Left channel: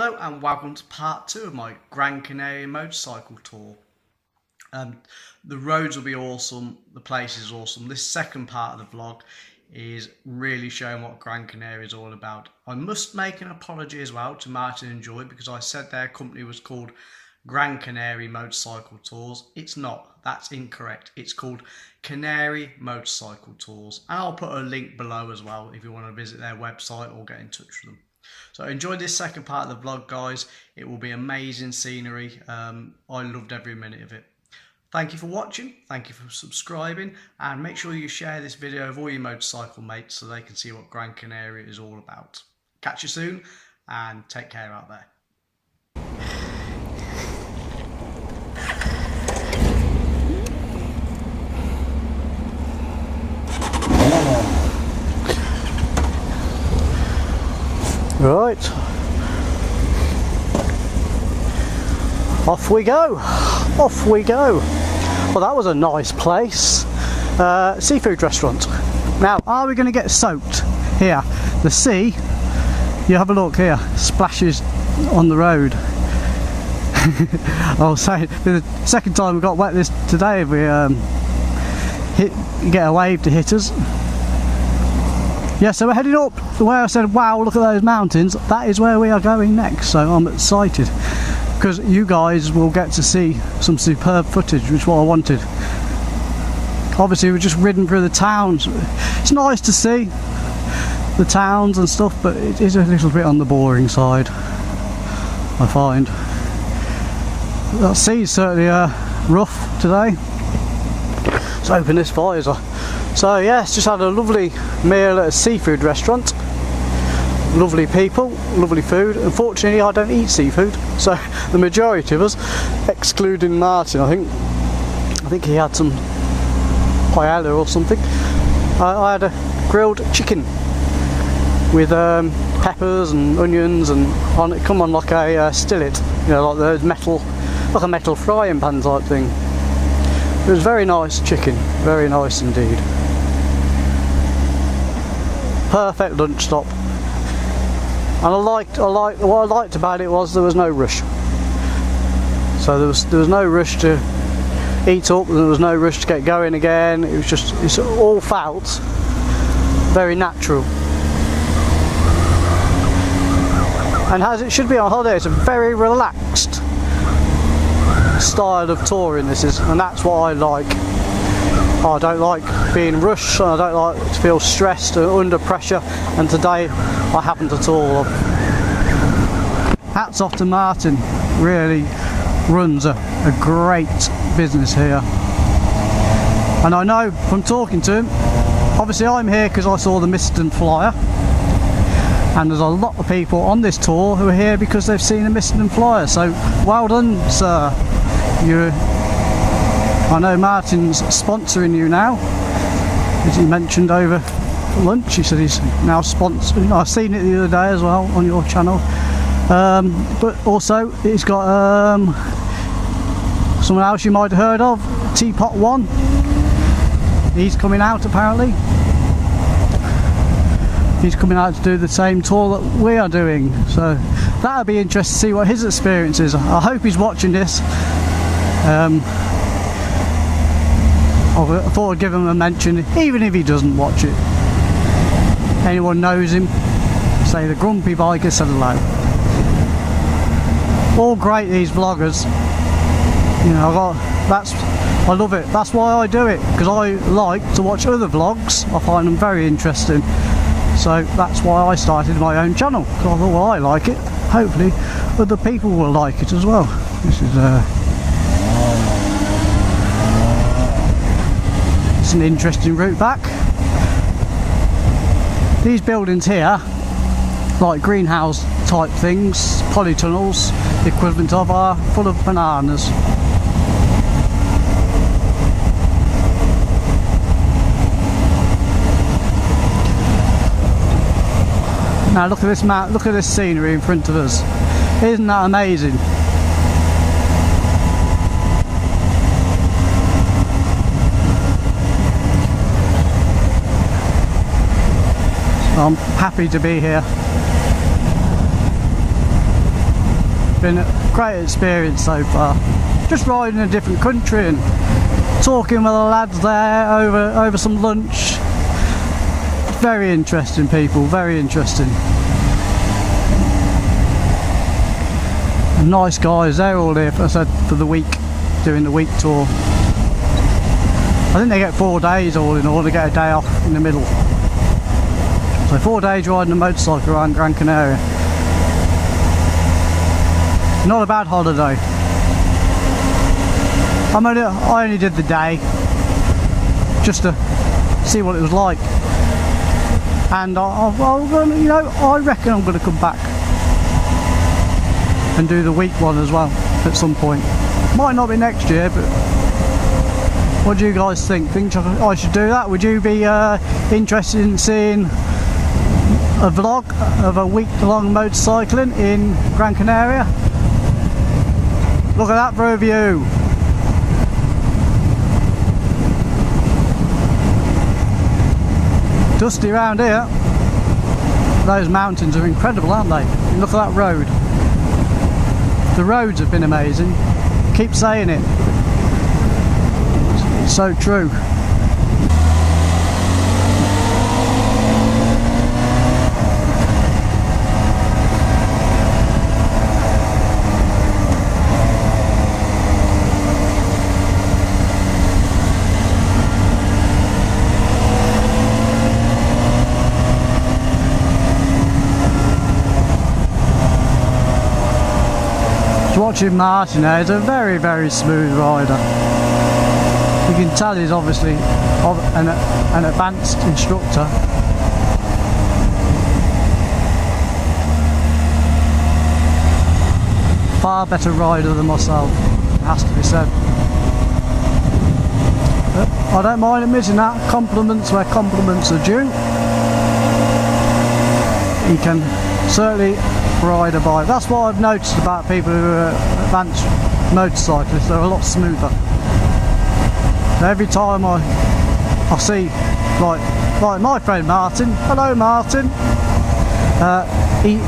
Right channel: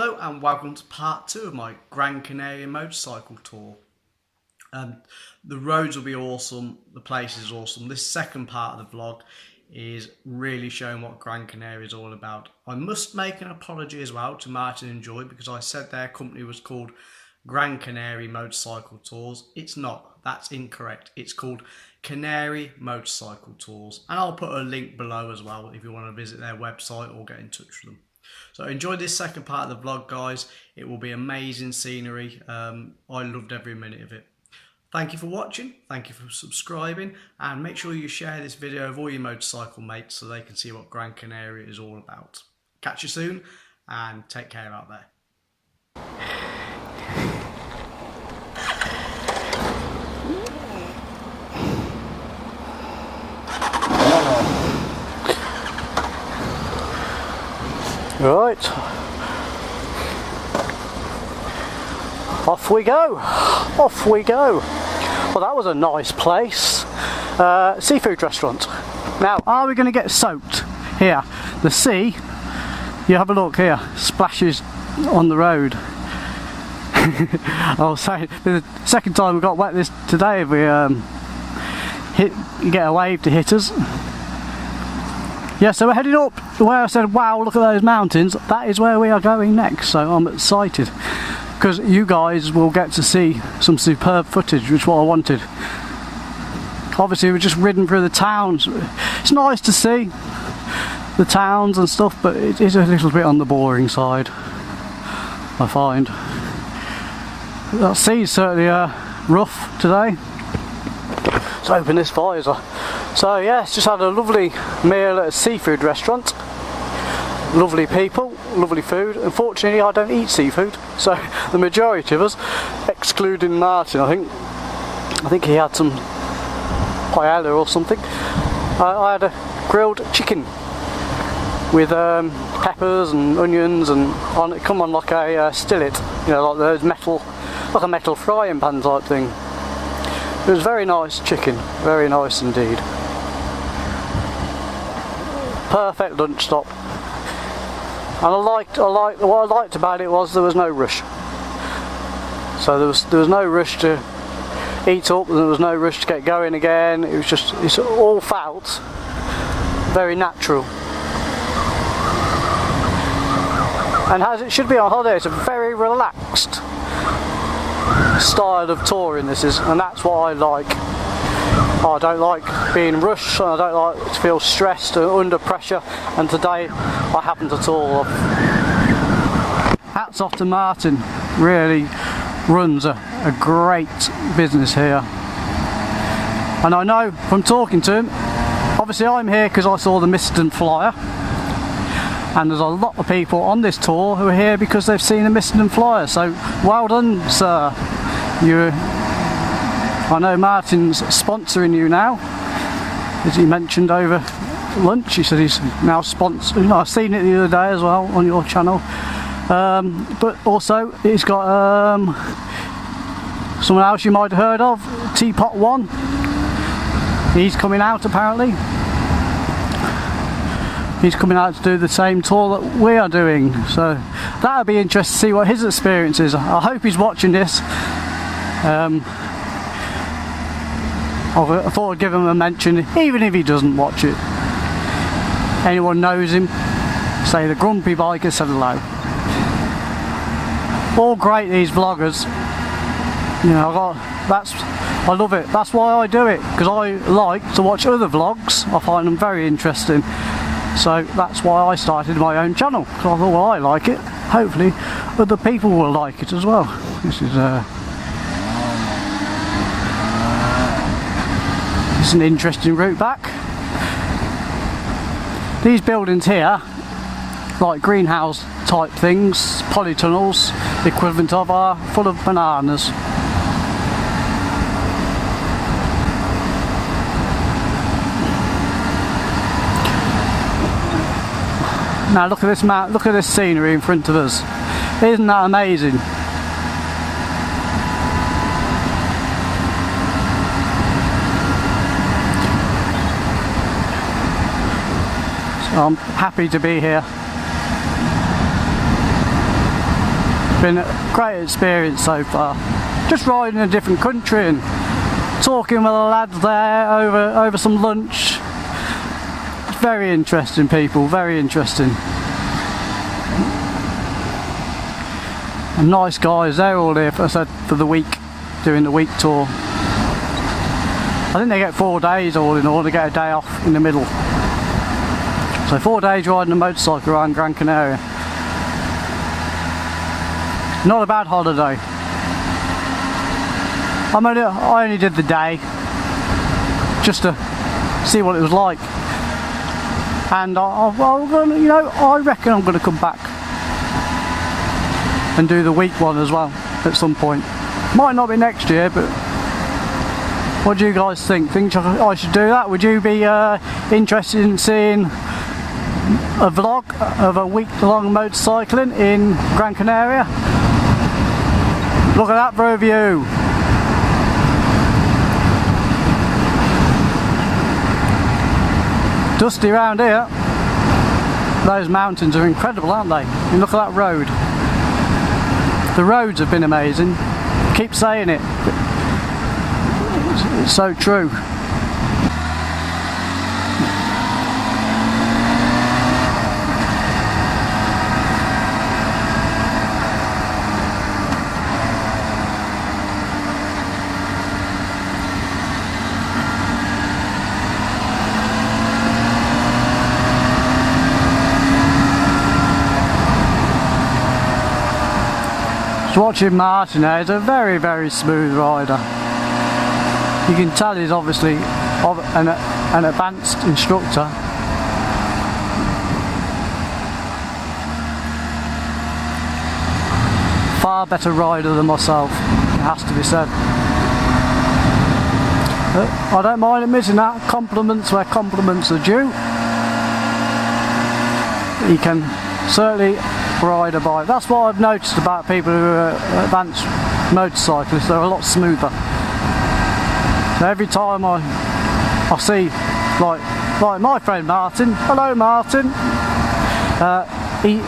Hello and welcome to part 2 of my Gran Canary motorcycle tour. The roads will be awesome, the place is awesome. This second part of the vlog is really showing what Gran Canary is all about. I must make an apology as well to Martin and Joy because I said their company was called Gran Canary Motorcycle Tours. It's not, that's incorrect. It's called Canary Motorcycle Tours, and I'll put a link below as well if you want to visit their website or get in touch with them. So enjoy this second part of the vlog, guys. It will be amazing scenery. I loved every minute of it. Thank you for watching, thank you for subscribing, and make sure you share this video with all your motorcycle mates so they can see what Gran Canary is all about. Catch you soon and take care out there. Right, off we go, off we go. Well, that was a nice place, seafood restaurant. Now, are we going to get soaked here? The sea, you have a look here, splashes on the road. I was saying, the second time we got wet this today, we you get a wave to hit us. Yeah, so we're heading up where I said, wow, look at those mountains. That is where we are going next, so I'm excited. Because you guys will get to see some superb footage, which is what I wanted. Obviously, we've just ridden through the towns. It's nice to see the towns and stuff, but it is a little bit on the boring side, I find. That sea's certainly rough today. Let's open this visor. So yes, just had a lovely meal at a seafood restaurant. Lovely people, lovely food. Unfortunately, I don't eat seafood, so the majority of us, excluding Martin, I think he had some paella or something. I had a grilled chicken with peppers and onions, and it come on like a skillet, you know, like those metal, like a metal frying pan type thing. It was very nice chicken, very nice indeed. Perfect lunch stop. And what I liked about it was there was no rush. So there was no rush to eat up, and there was no rush to get going again. It was just, it all felt very natural. And as it should be on holiday, it's a very relaxed style of touring this is, and that's what I like. I don't like being rushed, and I don't like to feel stressed or under pressure, and today I haven't at all. Hats off to Martin, really runs a great business here. And I know from talking to him, obviously I'm here because I saw the Miston flyer, and there's a lot of people on this tour who are here because they've seen a Miston flyer, so well done, sir. I know Martin's sponsoring you now, as he mentioned over lunch. He said he's now sponsoring. You know, I've seen it the other day as well on your channel. But also he's got someone else you might have heard of, Teapot One. He's coming out apparently. He's coming out to do the same tour that we are doing. So that'll be interesting to see what his experience is. I hope he's watching this. I thought I'd give him a mention, even if he doesn't watch it. Anyone knows him, say the Grumpy Biker said hello. All great, these vloggers. You know, I love it. That's why I do it, because I like to watch other vlogs. I find them very interesting. So that's why I started my own channel. Because I thought, well, I like it. Hopefully other people will like it as well. This is it's an interesting route back. These buildings here, like greenhouse type things, polytunnels, the equivalent of, are full of bananas. Now look at this look at this scenery in front of us. Isn't that amazing? I'm happy to be here. been a great experience so far. Just riding in a different country and talking with the lads there over some lunch. Very interesting people, very interesting. And nice guys, they're all here, as I said, for the week, doing the week tour. I think they get 4 days all in all, they get a day off in the middle. So 4 days riding a motorcycle around Gran Canaria. Not a bad holiday. I only did the day, just to see what it was like. And I reckon I'm going to come back and do the week one as well at some point. Might not be next year, but what do you guys think? Think I should do that? Would you be interested in seeing a vlog of a week-long motorcycling in Gran Canaria? Look at that for a view. Dusty around here. Those mountains are incredible, aren't they? You look at that road. The roads have been amazing. Keep saying it. It's so true. Watching Martin there, he's a very, very smooth rider. You can tell he's obviously an advanced instructor. Far better rider than myself, it has to be said. But I don't mind admitting that. Compliments where compliments are due. He can certainly ride a bike. That's what I've noticed about people who are advanced motorcyclists. They're a lot smoother. Every time I see like my friend Martin, hello Martin, he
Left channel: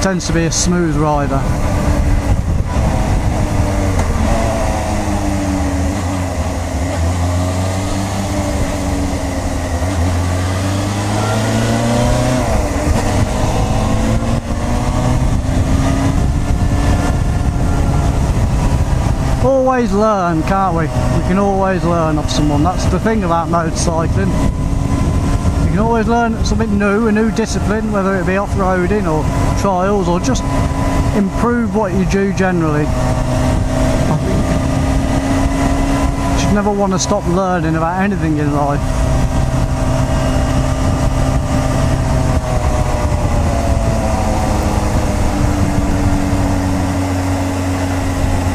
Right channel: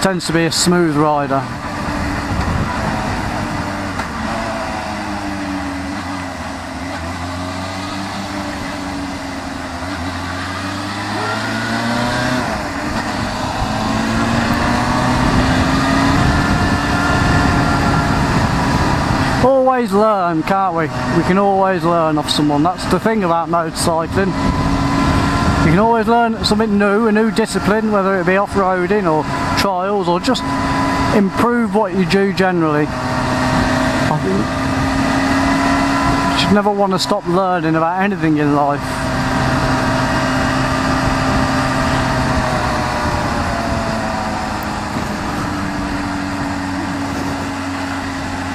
tends to be a smooth rider. Always learn, can't we? We can always learn off someone. That's the thing about motorcycling. You can always learn something new, a new discipline, whether it be off-roading or trials or just improve what you do generally. You should never want to stop learning about anything in life.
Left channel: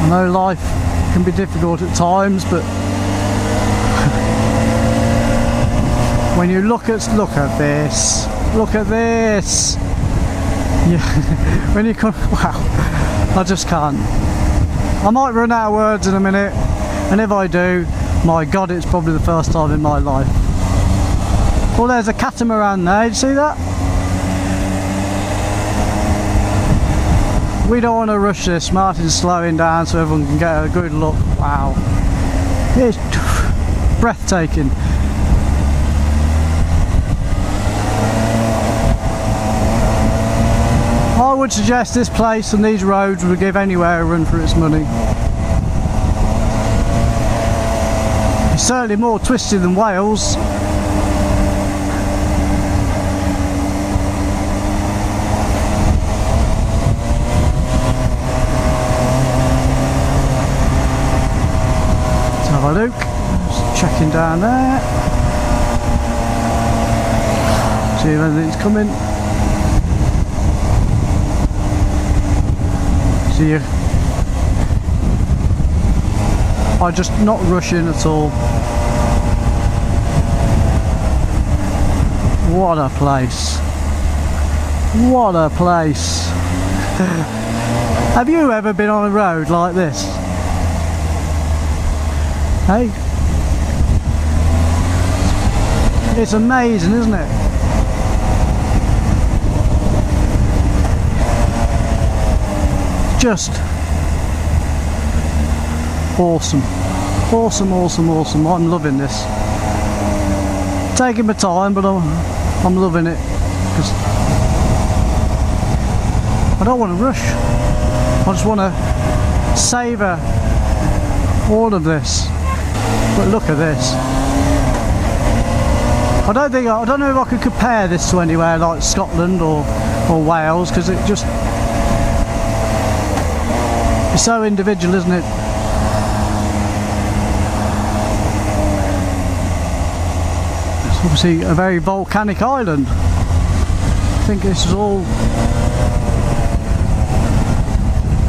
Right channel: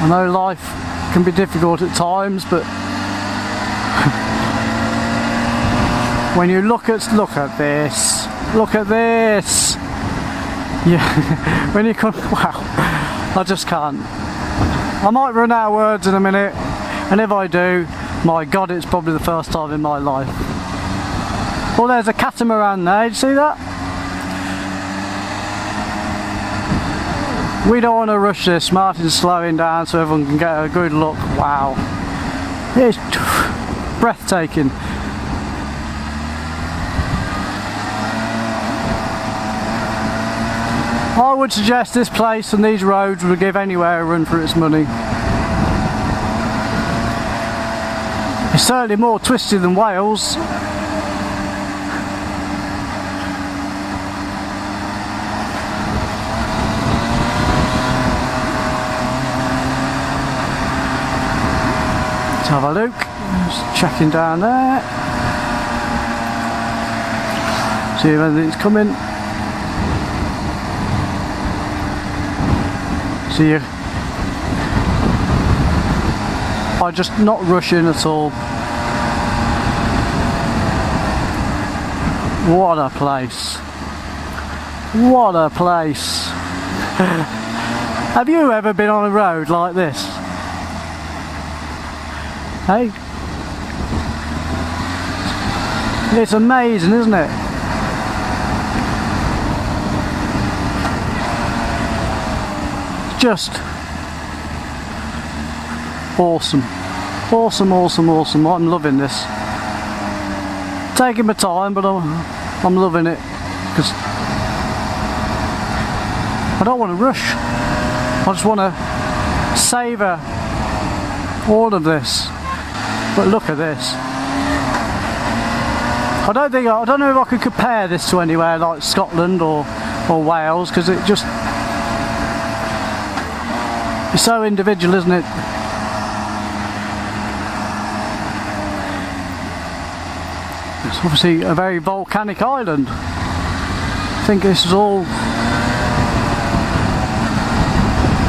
I know life can be difficult at times, but when you look at this, yeah, when you come, wow, I just can't. I might run out of words in a minute, and if I do, my God, it's probably the first time in my life. Well, there's a catamaran there. Did you see that? We don't want to rush this. Martin's slowing down so everyone can get a good look. Wow. It's breathtaking. I would suggest this place and these roads would give anywhere a run for its money. It's certainly more twisty than Wales. Have a look, just checking down there, see if anything's coming. See you. I'm just not rushing at all. What a place. What a place. Have you ever been on a road like this? Hey, it's amazing, isn't it? just awesome. Awesome, awesome, awesome. I'm loving this. Taking my time, but I'm loving it because I don't want to rush. I just want to savour all of this. But look at this. I don't know if I could compare this to anywhere like Scotland or Wales, because it's so individual, isn't it? It's obviously a very volcanic island. I think this is all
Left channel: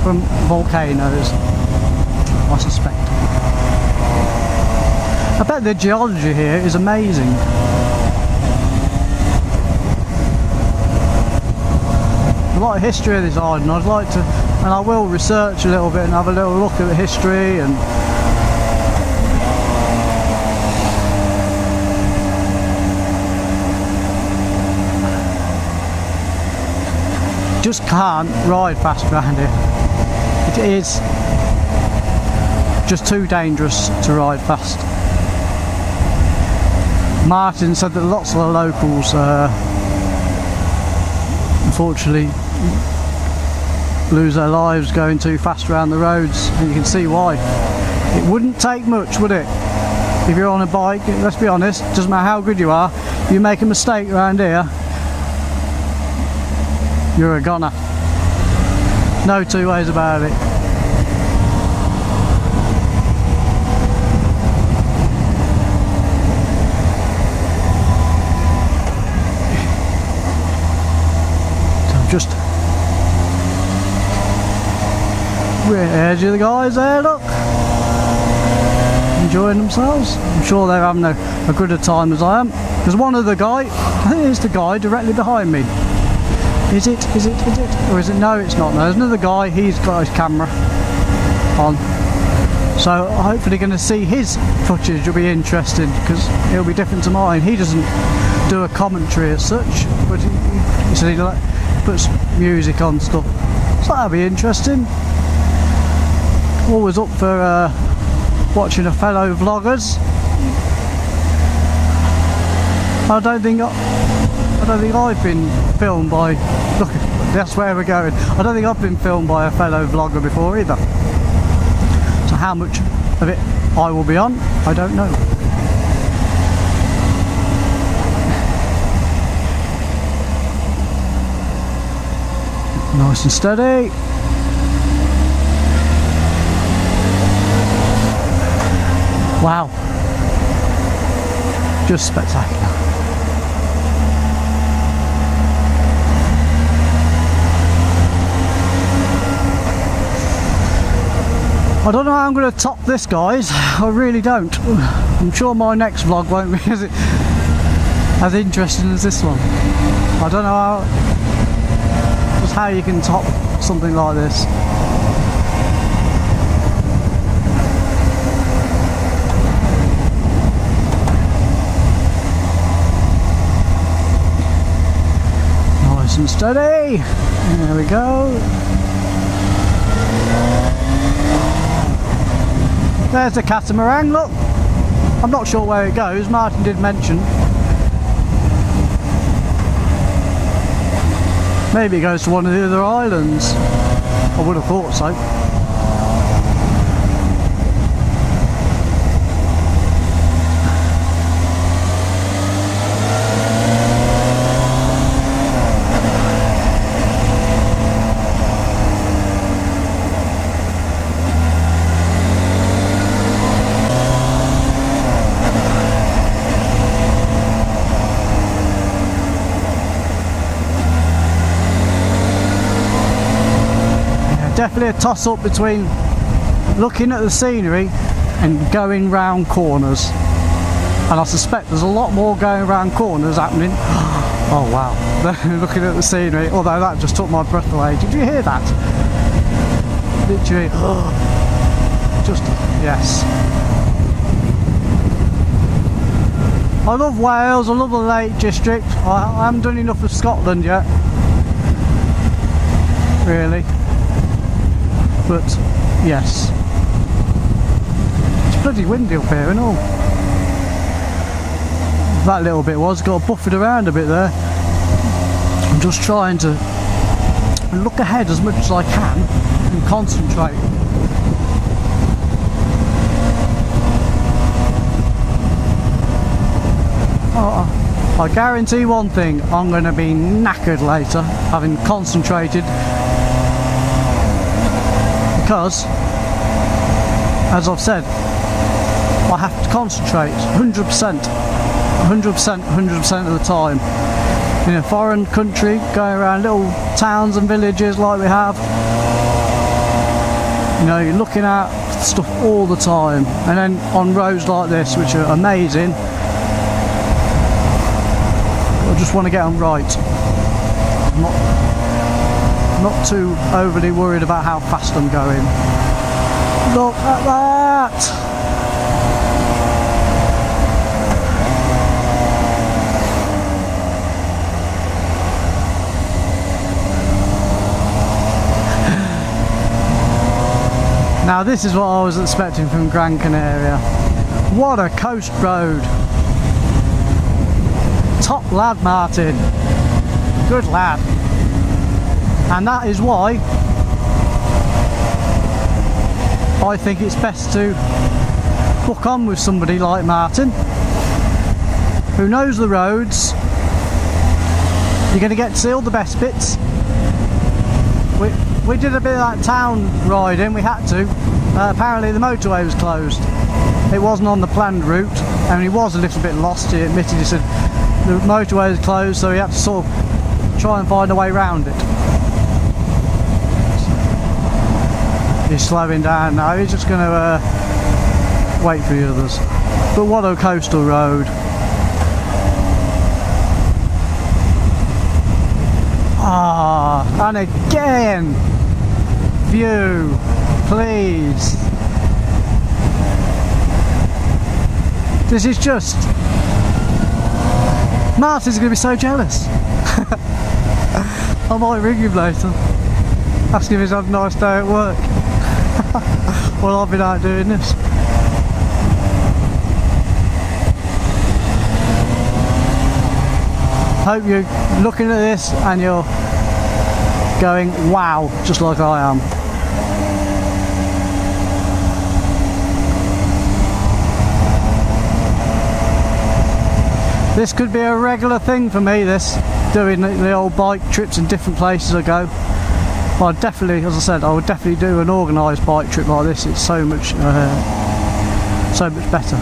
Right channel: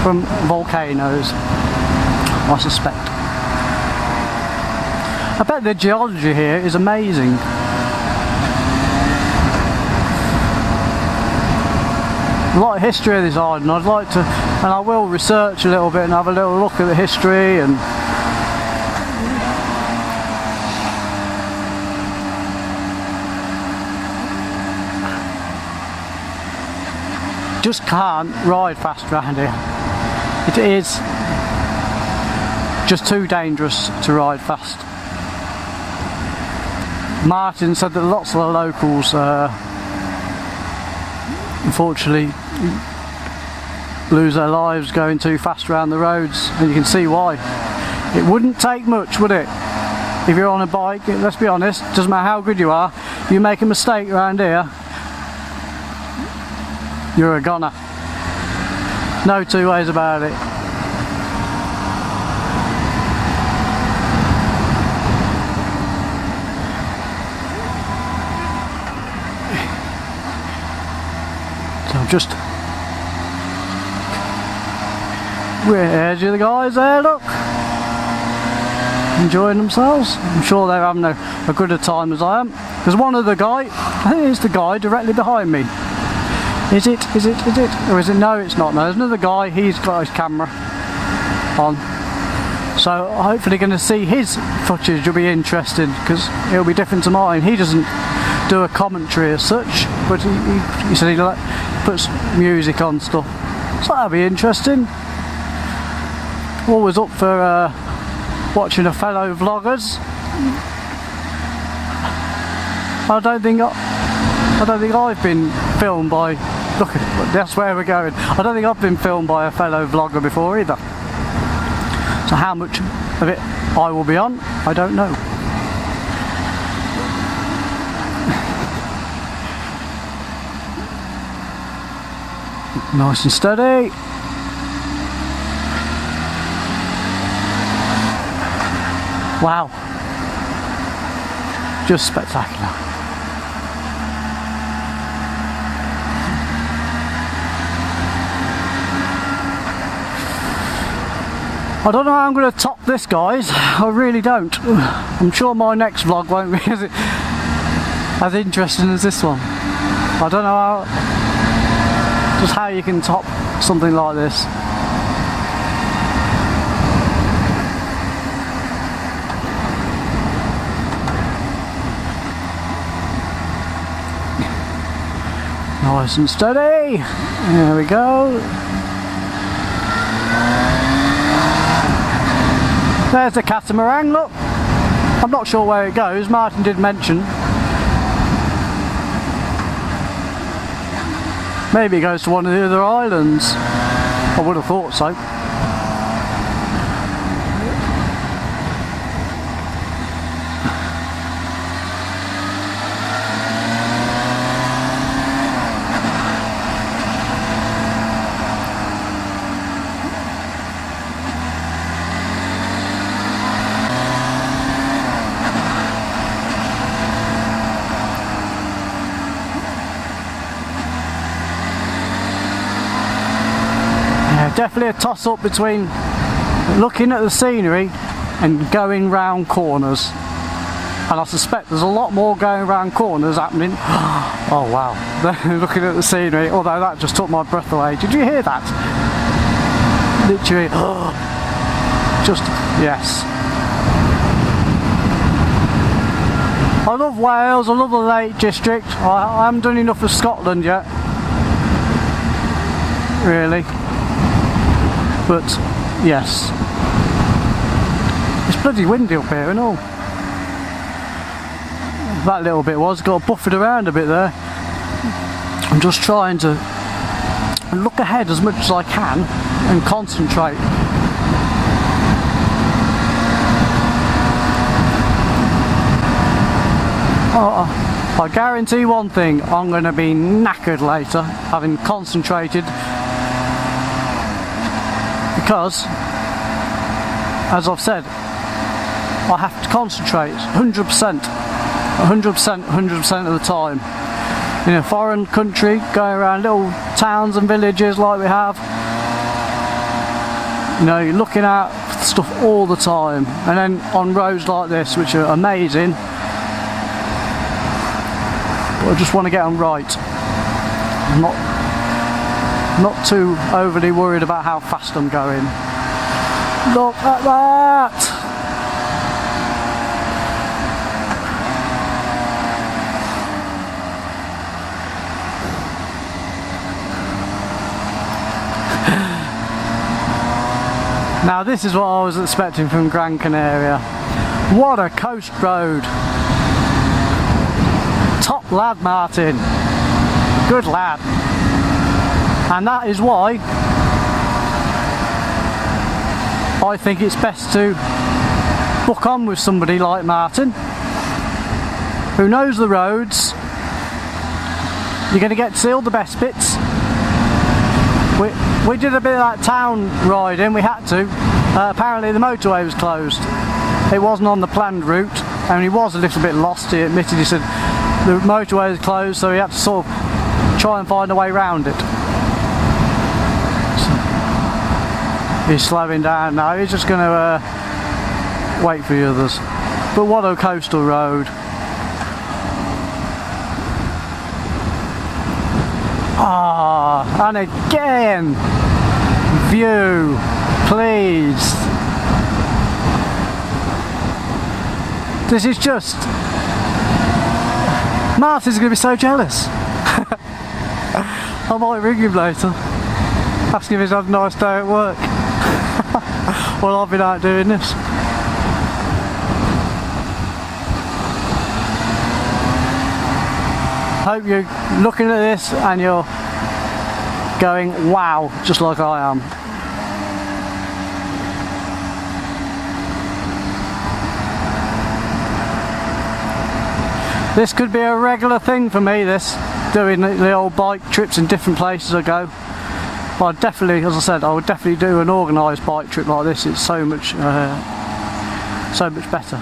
from volcanoes, I suspect. I bet the geology here is amazing. A lot of history of this island. I'd like to, and I will research a little bit and have a little look at the history and just can't ride fast around here. It is just too dangerous to ride fast. Martin said that lots of the locals unfortunately lose their lives going too fast around the roads, and you can see why. It wouldn't take much, would it? If you're on a bike, let's be honest, doesn't matter how good you are, you make a mistake around here, you're a goner. No two ways about it. Just where's the guys there, look, enjoying themselves. I'm sure they're having a good a time as I am. There's one other guy, I think it's the guy directly behind me. Is it? Or is it? No, it's not. No, there's another guy, he's got his camera on. So hopefully going to see his footage. Will be interesting because it'll be different to mine. He doesn't do a commentary as such, but he said he puts music on stuff, so that'll be interesting. Always up for watching a fellow vloggers. I don't think I've been filmed by. Look, that's where we're going. I don't think I've been filmed by a fellow vlogger before either. So how much of it I will be on, I don't know. Nice and steady. Wow. Just spectacular. I don't know how I'm going to top this, guys. I really don't. I'm sure my next vlog won't be as interesting as this one. I don't know how you can top something like this. Nice and steady. There we go. There's the catamaran, look. I'm not sure where it goes. Martin did mention. Maybe it goes to one of the other islands. I would have thought so. Definitely a toss-up between looking at the scenery and going round corners, and I suspect there's a lot more going round corners happening. Oh wow, looking at the scenery, although that just took my breath away. Did you hear that? Literally, just, yes. I love Wales, I love the Lake District. I haven't done enough of Scotland yet, really. But yes, it's bloody windy up here and all. That little bit got buffered around a bit there. I'm just trying to look ahead as much as I can and concentrate. I guarantee one thing, I'm going to be knackered later, having concentrated, because, as I've said, I have to concentrate 100%, 100% of the time. In a foreign country, going around little towns and villages like we have, you know, you're looking at stuff all the time, and then on roads like this, which are amazing, I just want to get them right. I'm not too overly worried about how fast I'm going. Look at that! Now this is what I was expecting from Gran Canaria. What a coast road! Top lad, Martin. Good lad. And that is why I think it's best to book on with somebody like Martin, who knows the roads. You're going to get to see all the best bits. We did a bit of that town riding, we had to. Apparently the motorway was closed. It wasn't on the planned route, and he was a little bit lost, he admitted. He said the motorway was closed, so he had to sort of try and find a way around it. So he's slowing down now, he's just going to wait for the others. But what a coastal road. Ah, and again, view, please. This is just, Martin's going to be so jealous. I might ring him later, ask him if he's had a nice day at work. Well, I've been out doing this. Hope you're looking at this and you're going, wow, just like I am. This could be a regular thing for me, this, doing the old bike trips in different places I go. Well, definitely, as I said, I would definitely do an organised bike trip like this. It's so much better.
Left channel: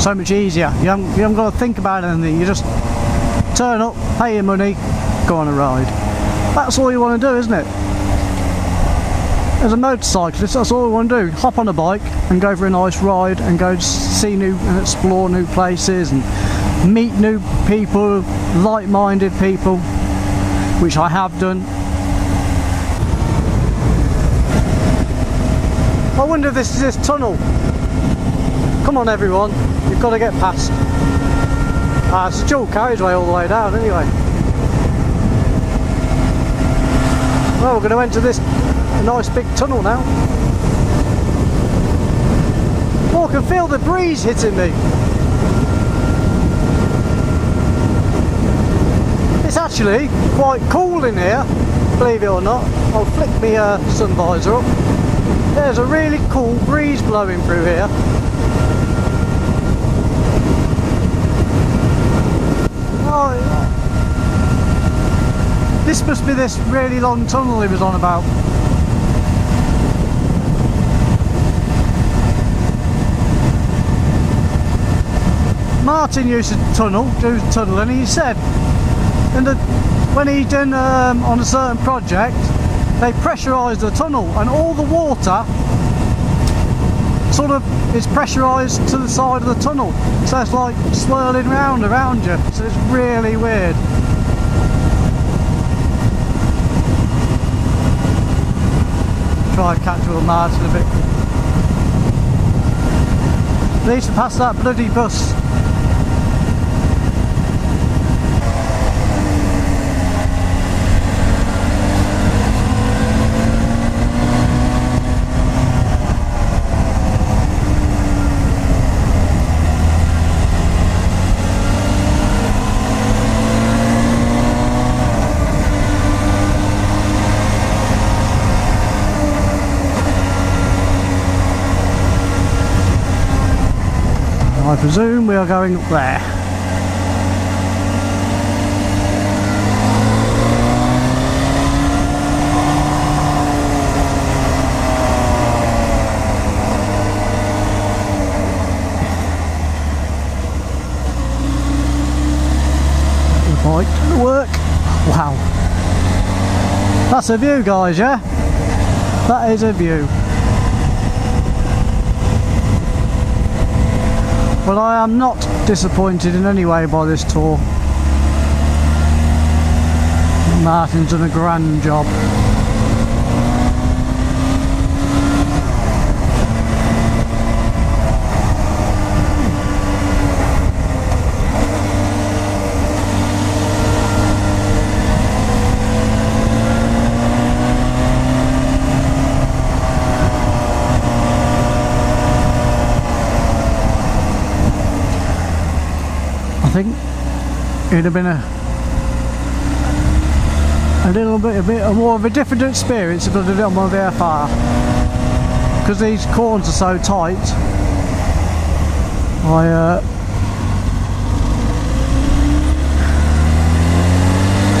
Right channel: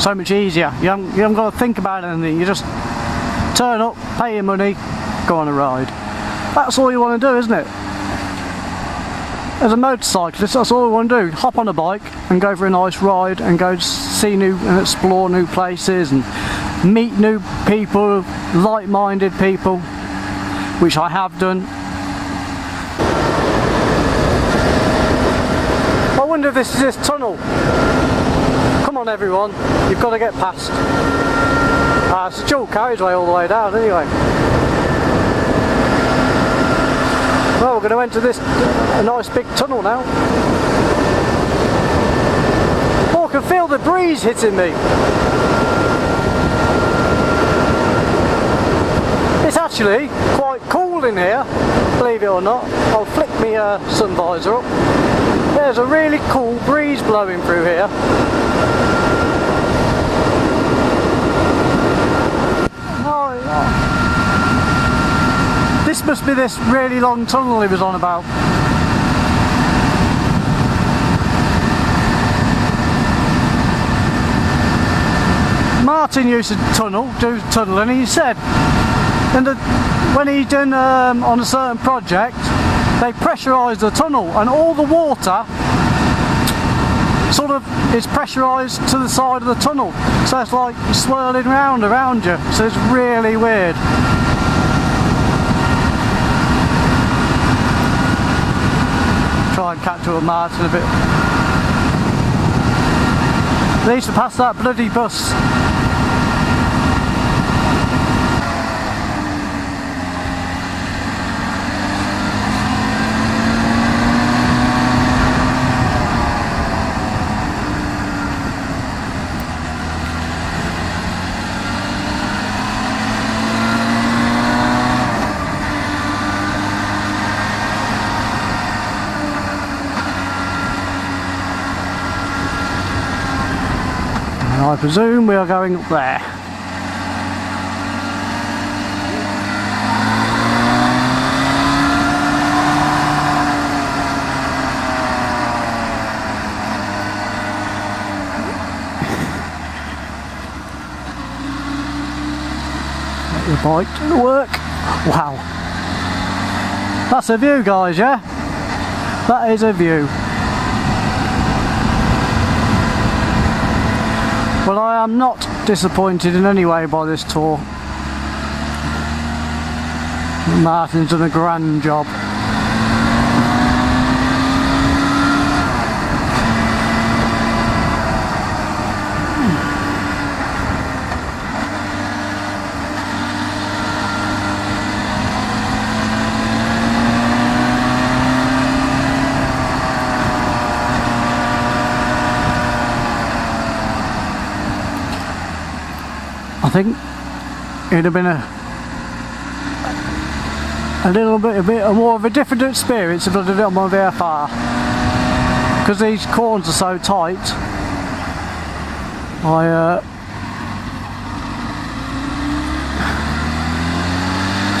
So much easier. You haven't got to think about anything. You just turn up, pay your money, go on a ride. That's all you want to do, isn't it? As a motorcyclist, that's all you want to do. Hop on a bike and go for a nice ride and go see new and explore new places and meet new people, like-minded people, which I have done. I wonder if this is this tunnel. Come on everyone, you've got to get past. It's a dual carriageway all the way down anyway. Well, we're going to enter a nice big tunnel now. Oh, I can feel the breeze hitting me. It's actually quite cool in here, believe it or not. I'll flick my sun visor up. There's a really cool breeze blowing through here. This must be this really long tunnel he was on about. Martin used to do tunnel, and he said when he done on a certain project, they pressurised the tunnel, and all the water sort of is pressurised to the side of the tunnel, so it's like swirling round around you, so it's really weird. Try and catch up with Martin a bit. Needs to pass that bloody bus. I presume we are going up there. The bike to work. Wow. That's a view, guys, yeah? That is a view. Well, I am not disappointed in any way by this tour. Martin's done a grand job. I think it'd have been a little bit more of a different experience if I did it on my VFR, because these corners are so tight.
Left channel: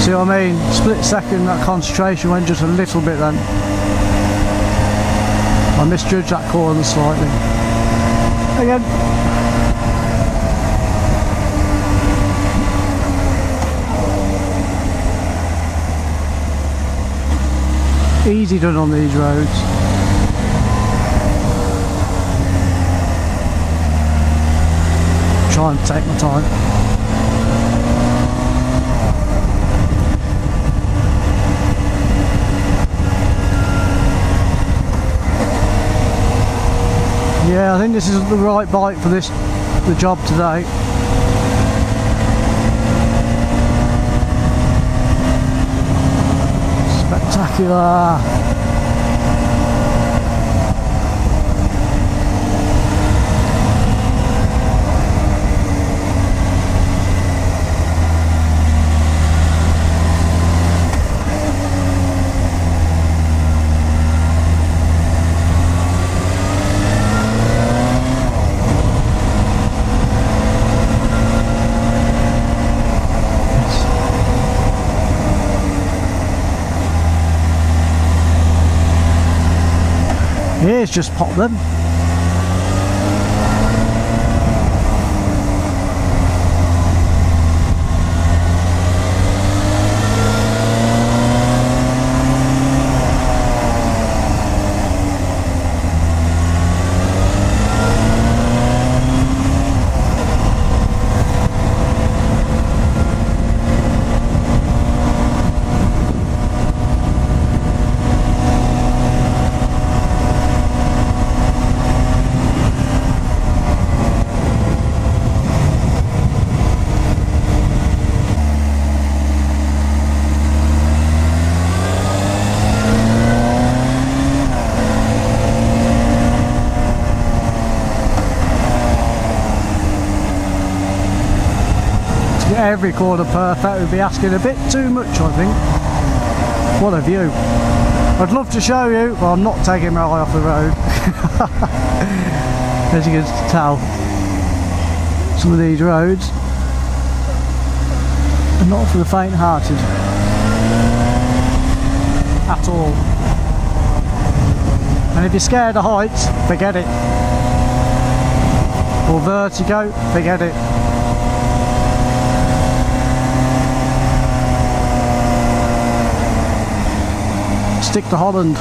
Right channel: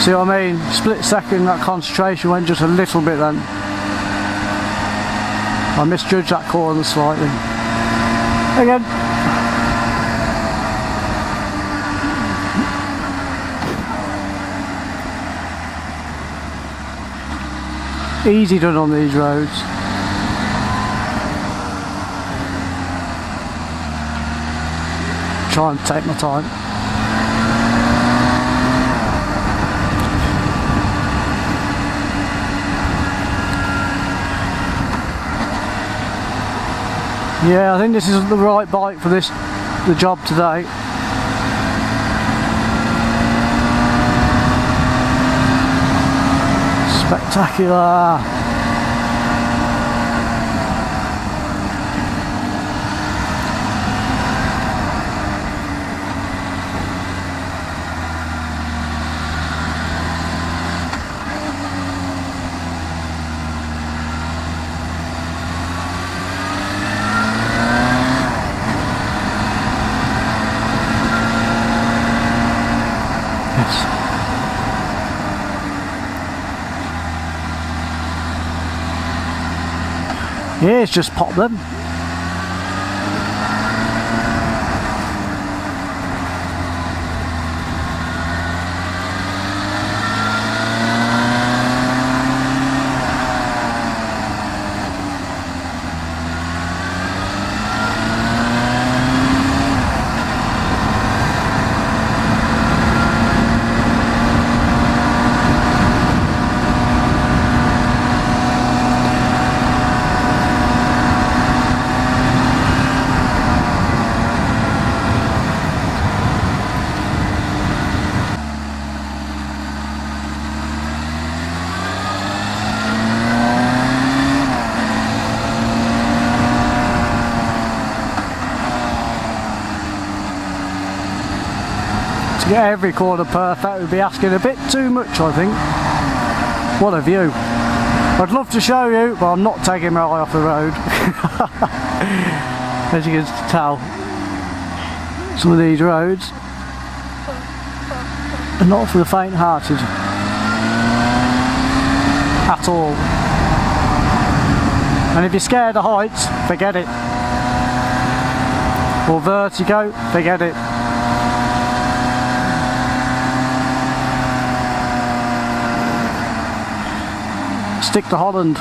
See what I mean? Split second, that concentration went just a little bit then. I misjudged that corner slightly. Again. Easy done on these roads. Try and take my time. Yeah, I think this is the right bike for the job today. Spectacular. Yeah, it's just pop them. To get every corner perfect would be asking a bit too much, I think. What a view. I'd love to show you, but I'm not taking my eye off the road. As you can tell, some of these roads are not for the faint-hearted at all. And if you're scared of heights, forget it. Or vertigo, forget it. Stick to Holland.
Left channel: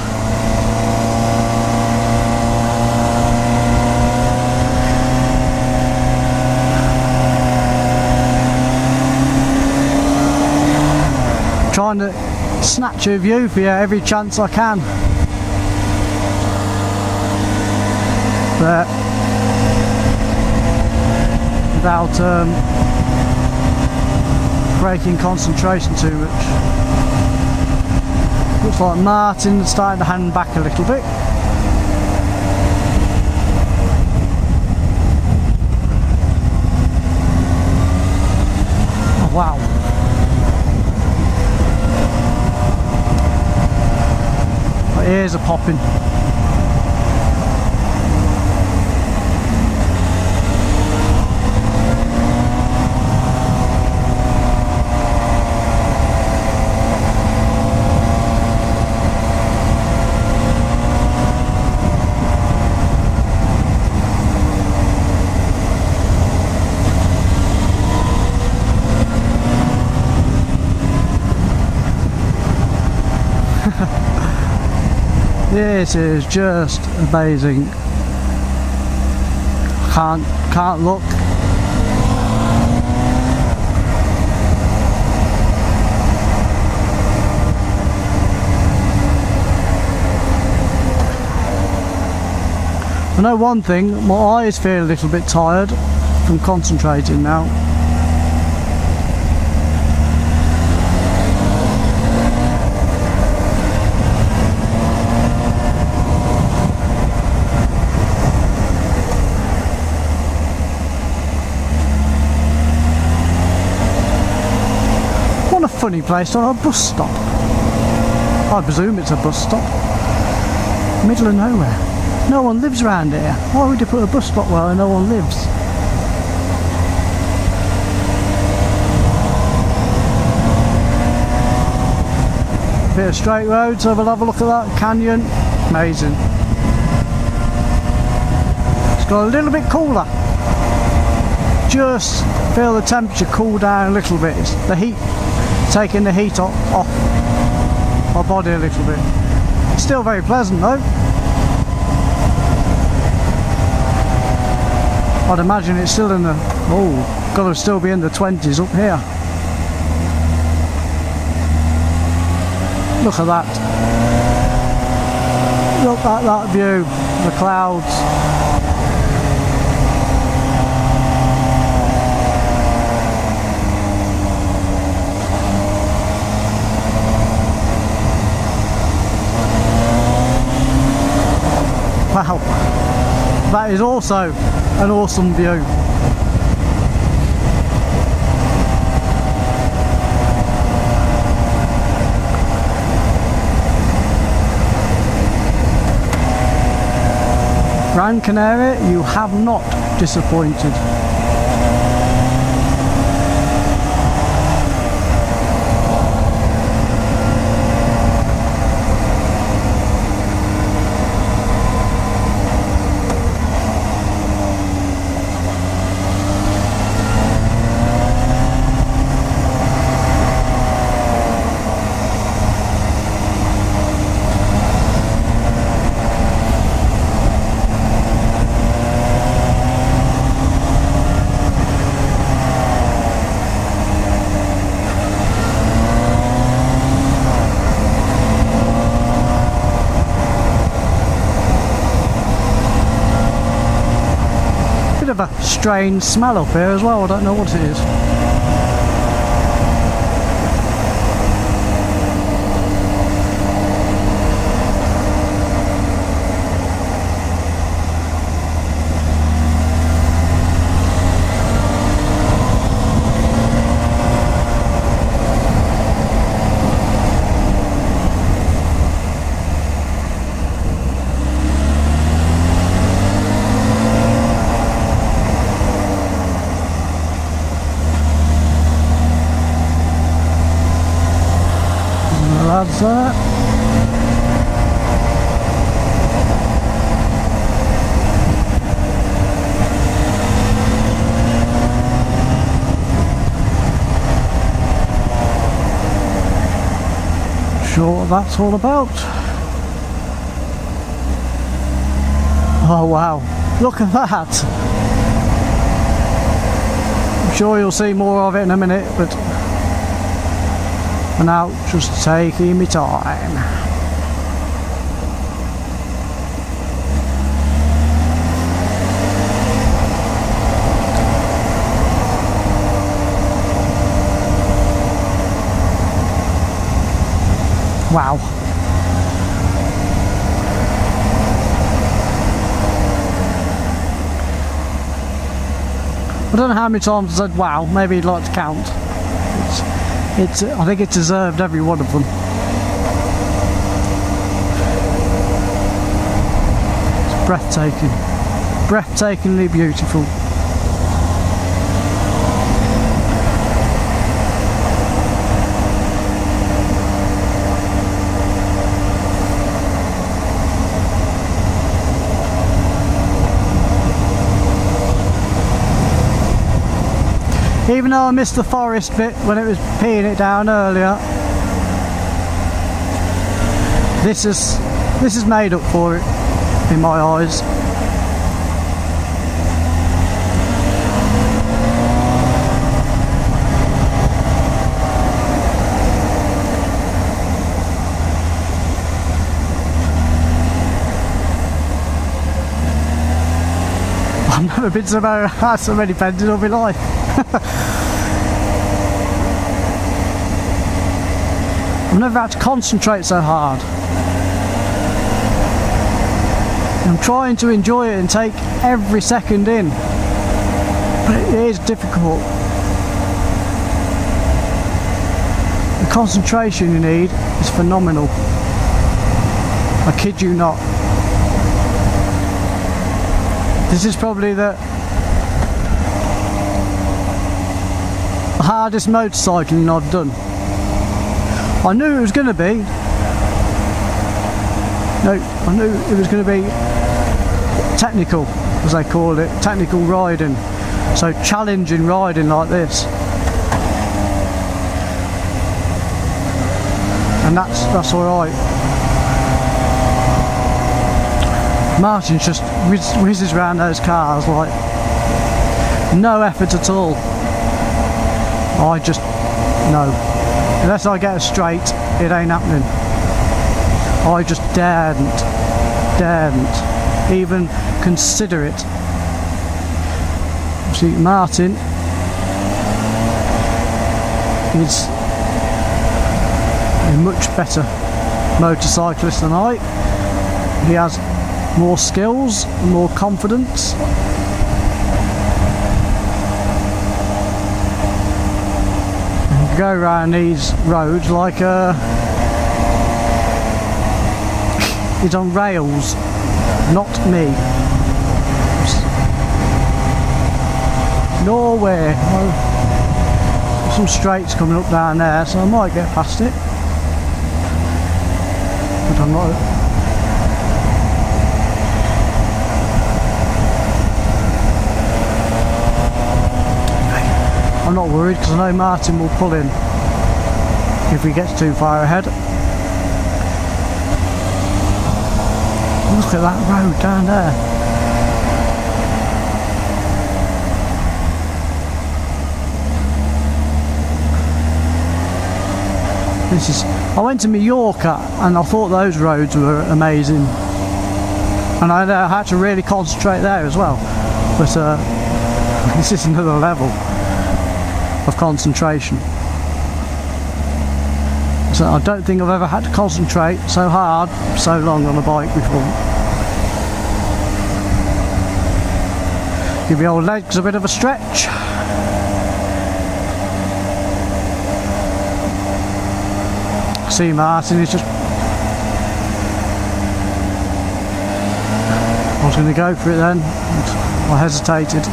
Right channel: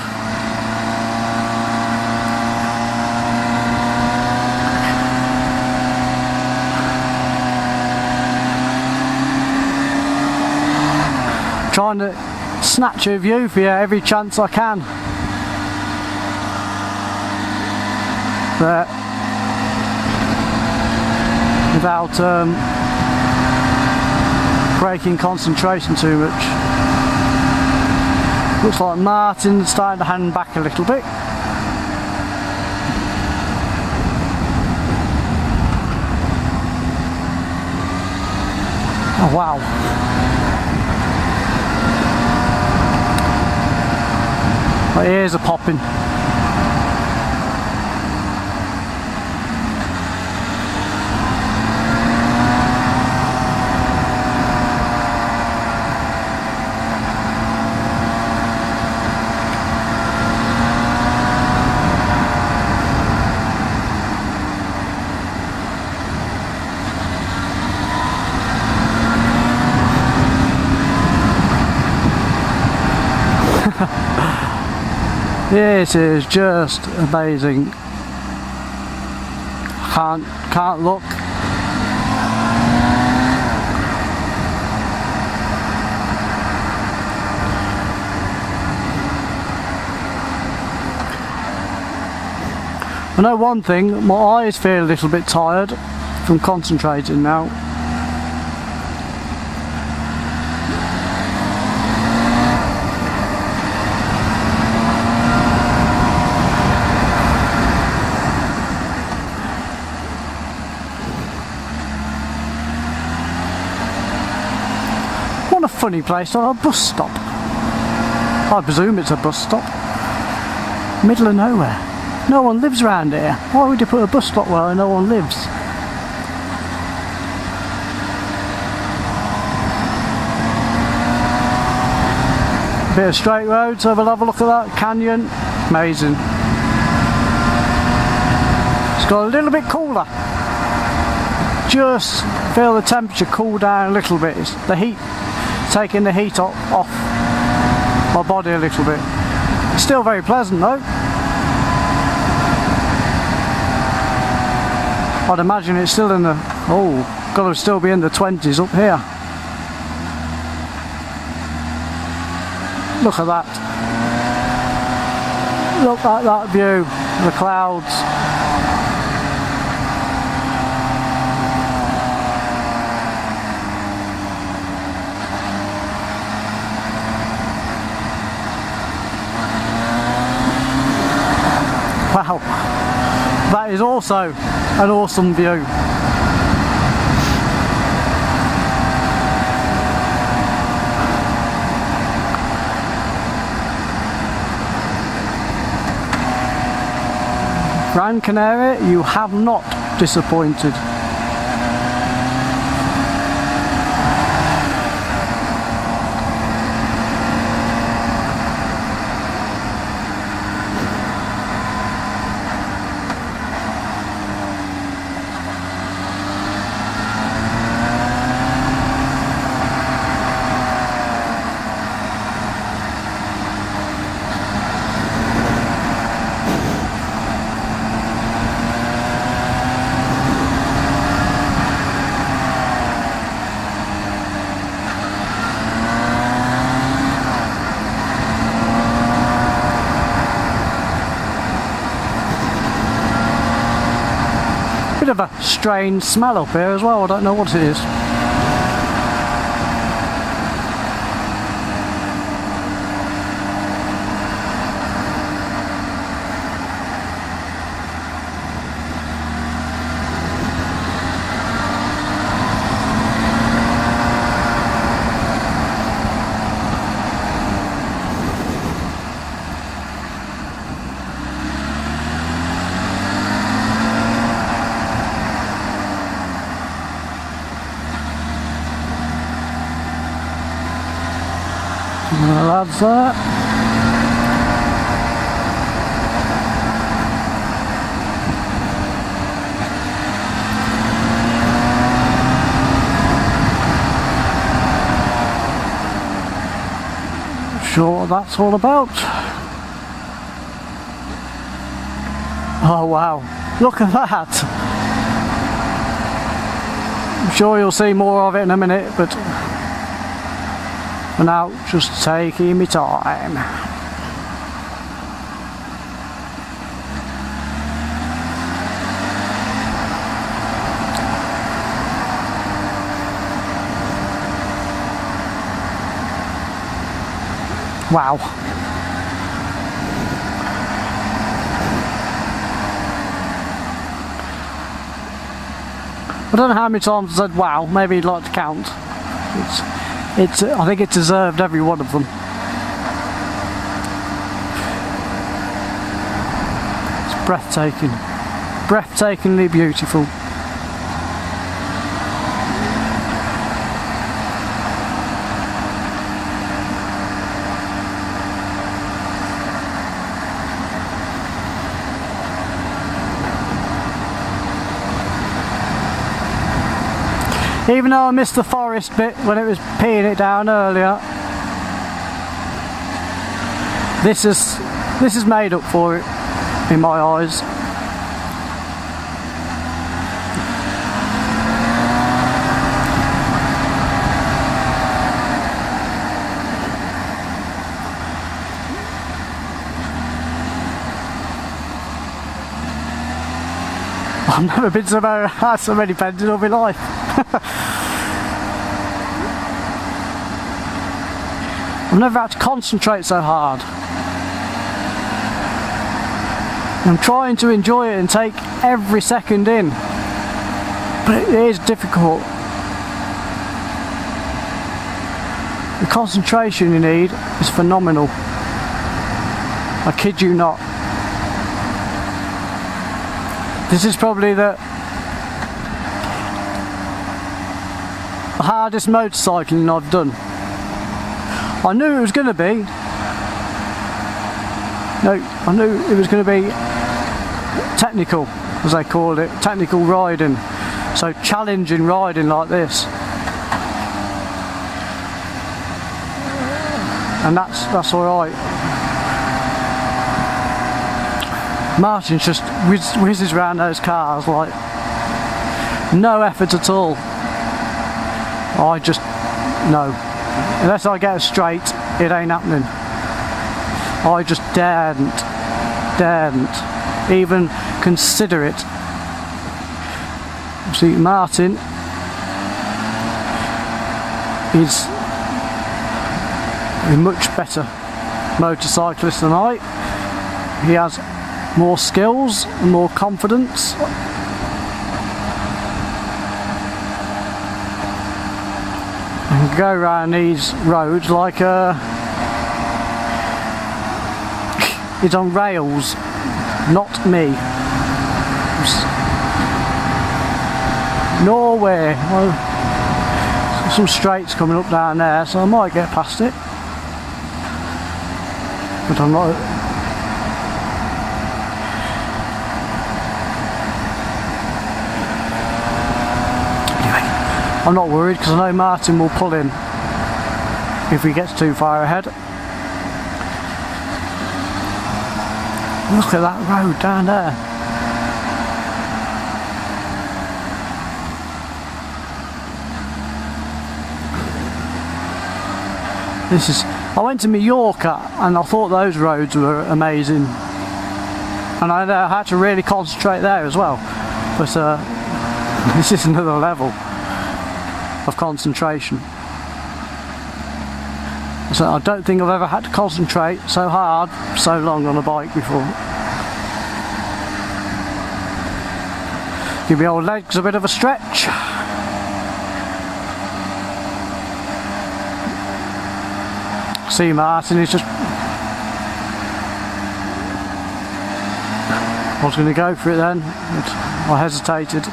Trying to snatch a view for you every chance I can. But without breaking concentration too much. Looks like Martin's starting to hang back a little bit. Oh wow. My ears are popping. This is just amazing. Can't look. I know one thing, my eyes feel a little bit tired from concentrating now. What a funny place to have a bus stop. I presume it's a bus stop. Middle of nowhere. No one lives around here. Why would you put a bus stop where no one lives? Bit of straight road, so we'll have a look at that canyon. Amazing. It's got a little bit cooler. Just feel the temperature cool down a little bit. It's the heat, taking the heat off my body a little bit. It's still very pleasant though. I'd imagine it's still in the, got to still be in the 20s up here. Look at that. Look at that view, the clouds. Wow, that is also an awesome view. Gran Canary, you have not disappointed. Bit of a strange smell up here as well, I don't know what it is. That's that. Sure what that's all about. Oh wow, look at that. I'm sure you'll see more of it in a minute, but for now, just taking me time. Wow. I don't know how many times I said wow, maybe you'd like to count. I think it deserved every one of them. It's breathtaking. Breathtakingly beautiful. Even though I missed the forest bit when it was peeing it down earlier, this is made up for it in my eyes. I've never been had so many pens in all my life. I've never had to concentrate so hard. I'm trying to enjoy it and take every second in, but it is difficult. The concentration you need is phenomenal. I kid you not. This is probably the hardest motorcycling I've done. I knew it was going to be. No, I knew it was going to be technical, as they call it, technical riding. So challenging riding like this. And that's alright. Martin just whizzes around those cars like no effort at all. I just, no. Unless I get it straight, it ain't happening. I just daren't even consider it. See, Martin is a much better motorcyclist than I. He has more skills and more confidence. And go around these roads like he's on rails, not me. Nowhere. Well, some straights coming up down there, so I might get past it. But I'm not. I'm not worried because I know Martin will pull in if we get too far ahead. Look at that road down there. I went to Mallorca and I thought those roads were amazing. And I had to really concentrate there as well. But this is another level of concentration. So I don't think I've ever had to concentrate so hard, so long on a bike before. Give my old legs a bit of a stretch. See Martin, he's just... I was going to go for it then, but I hesitated.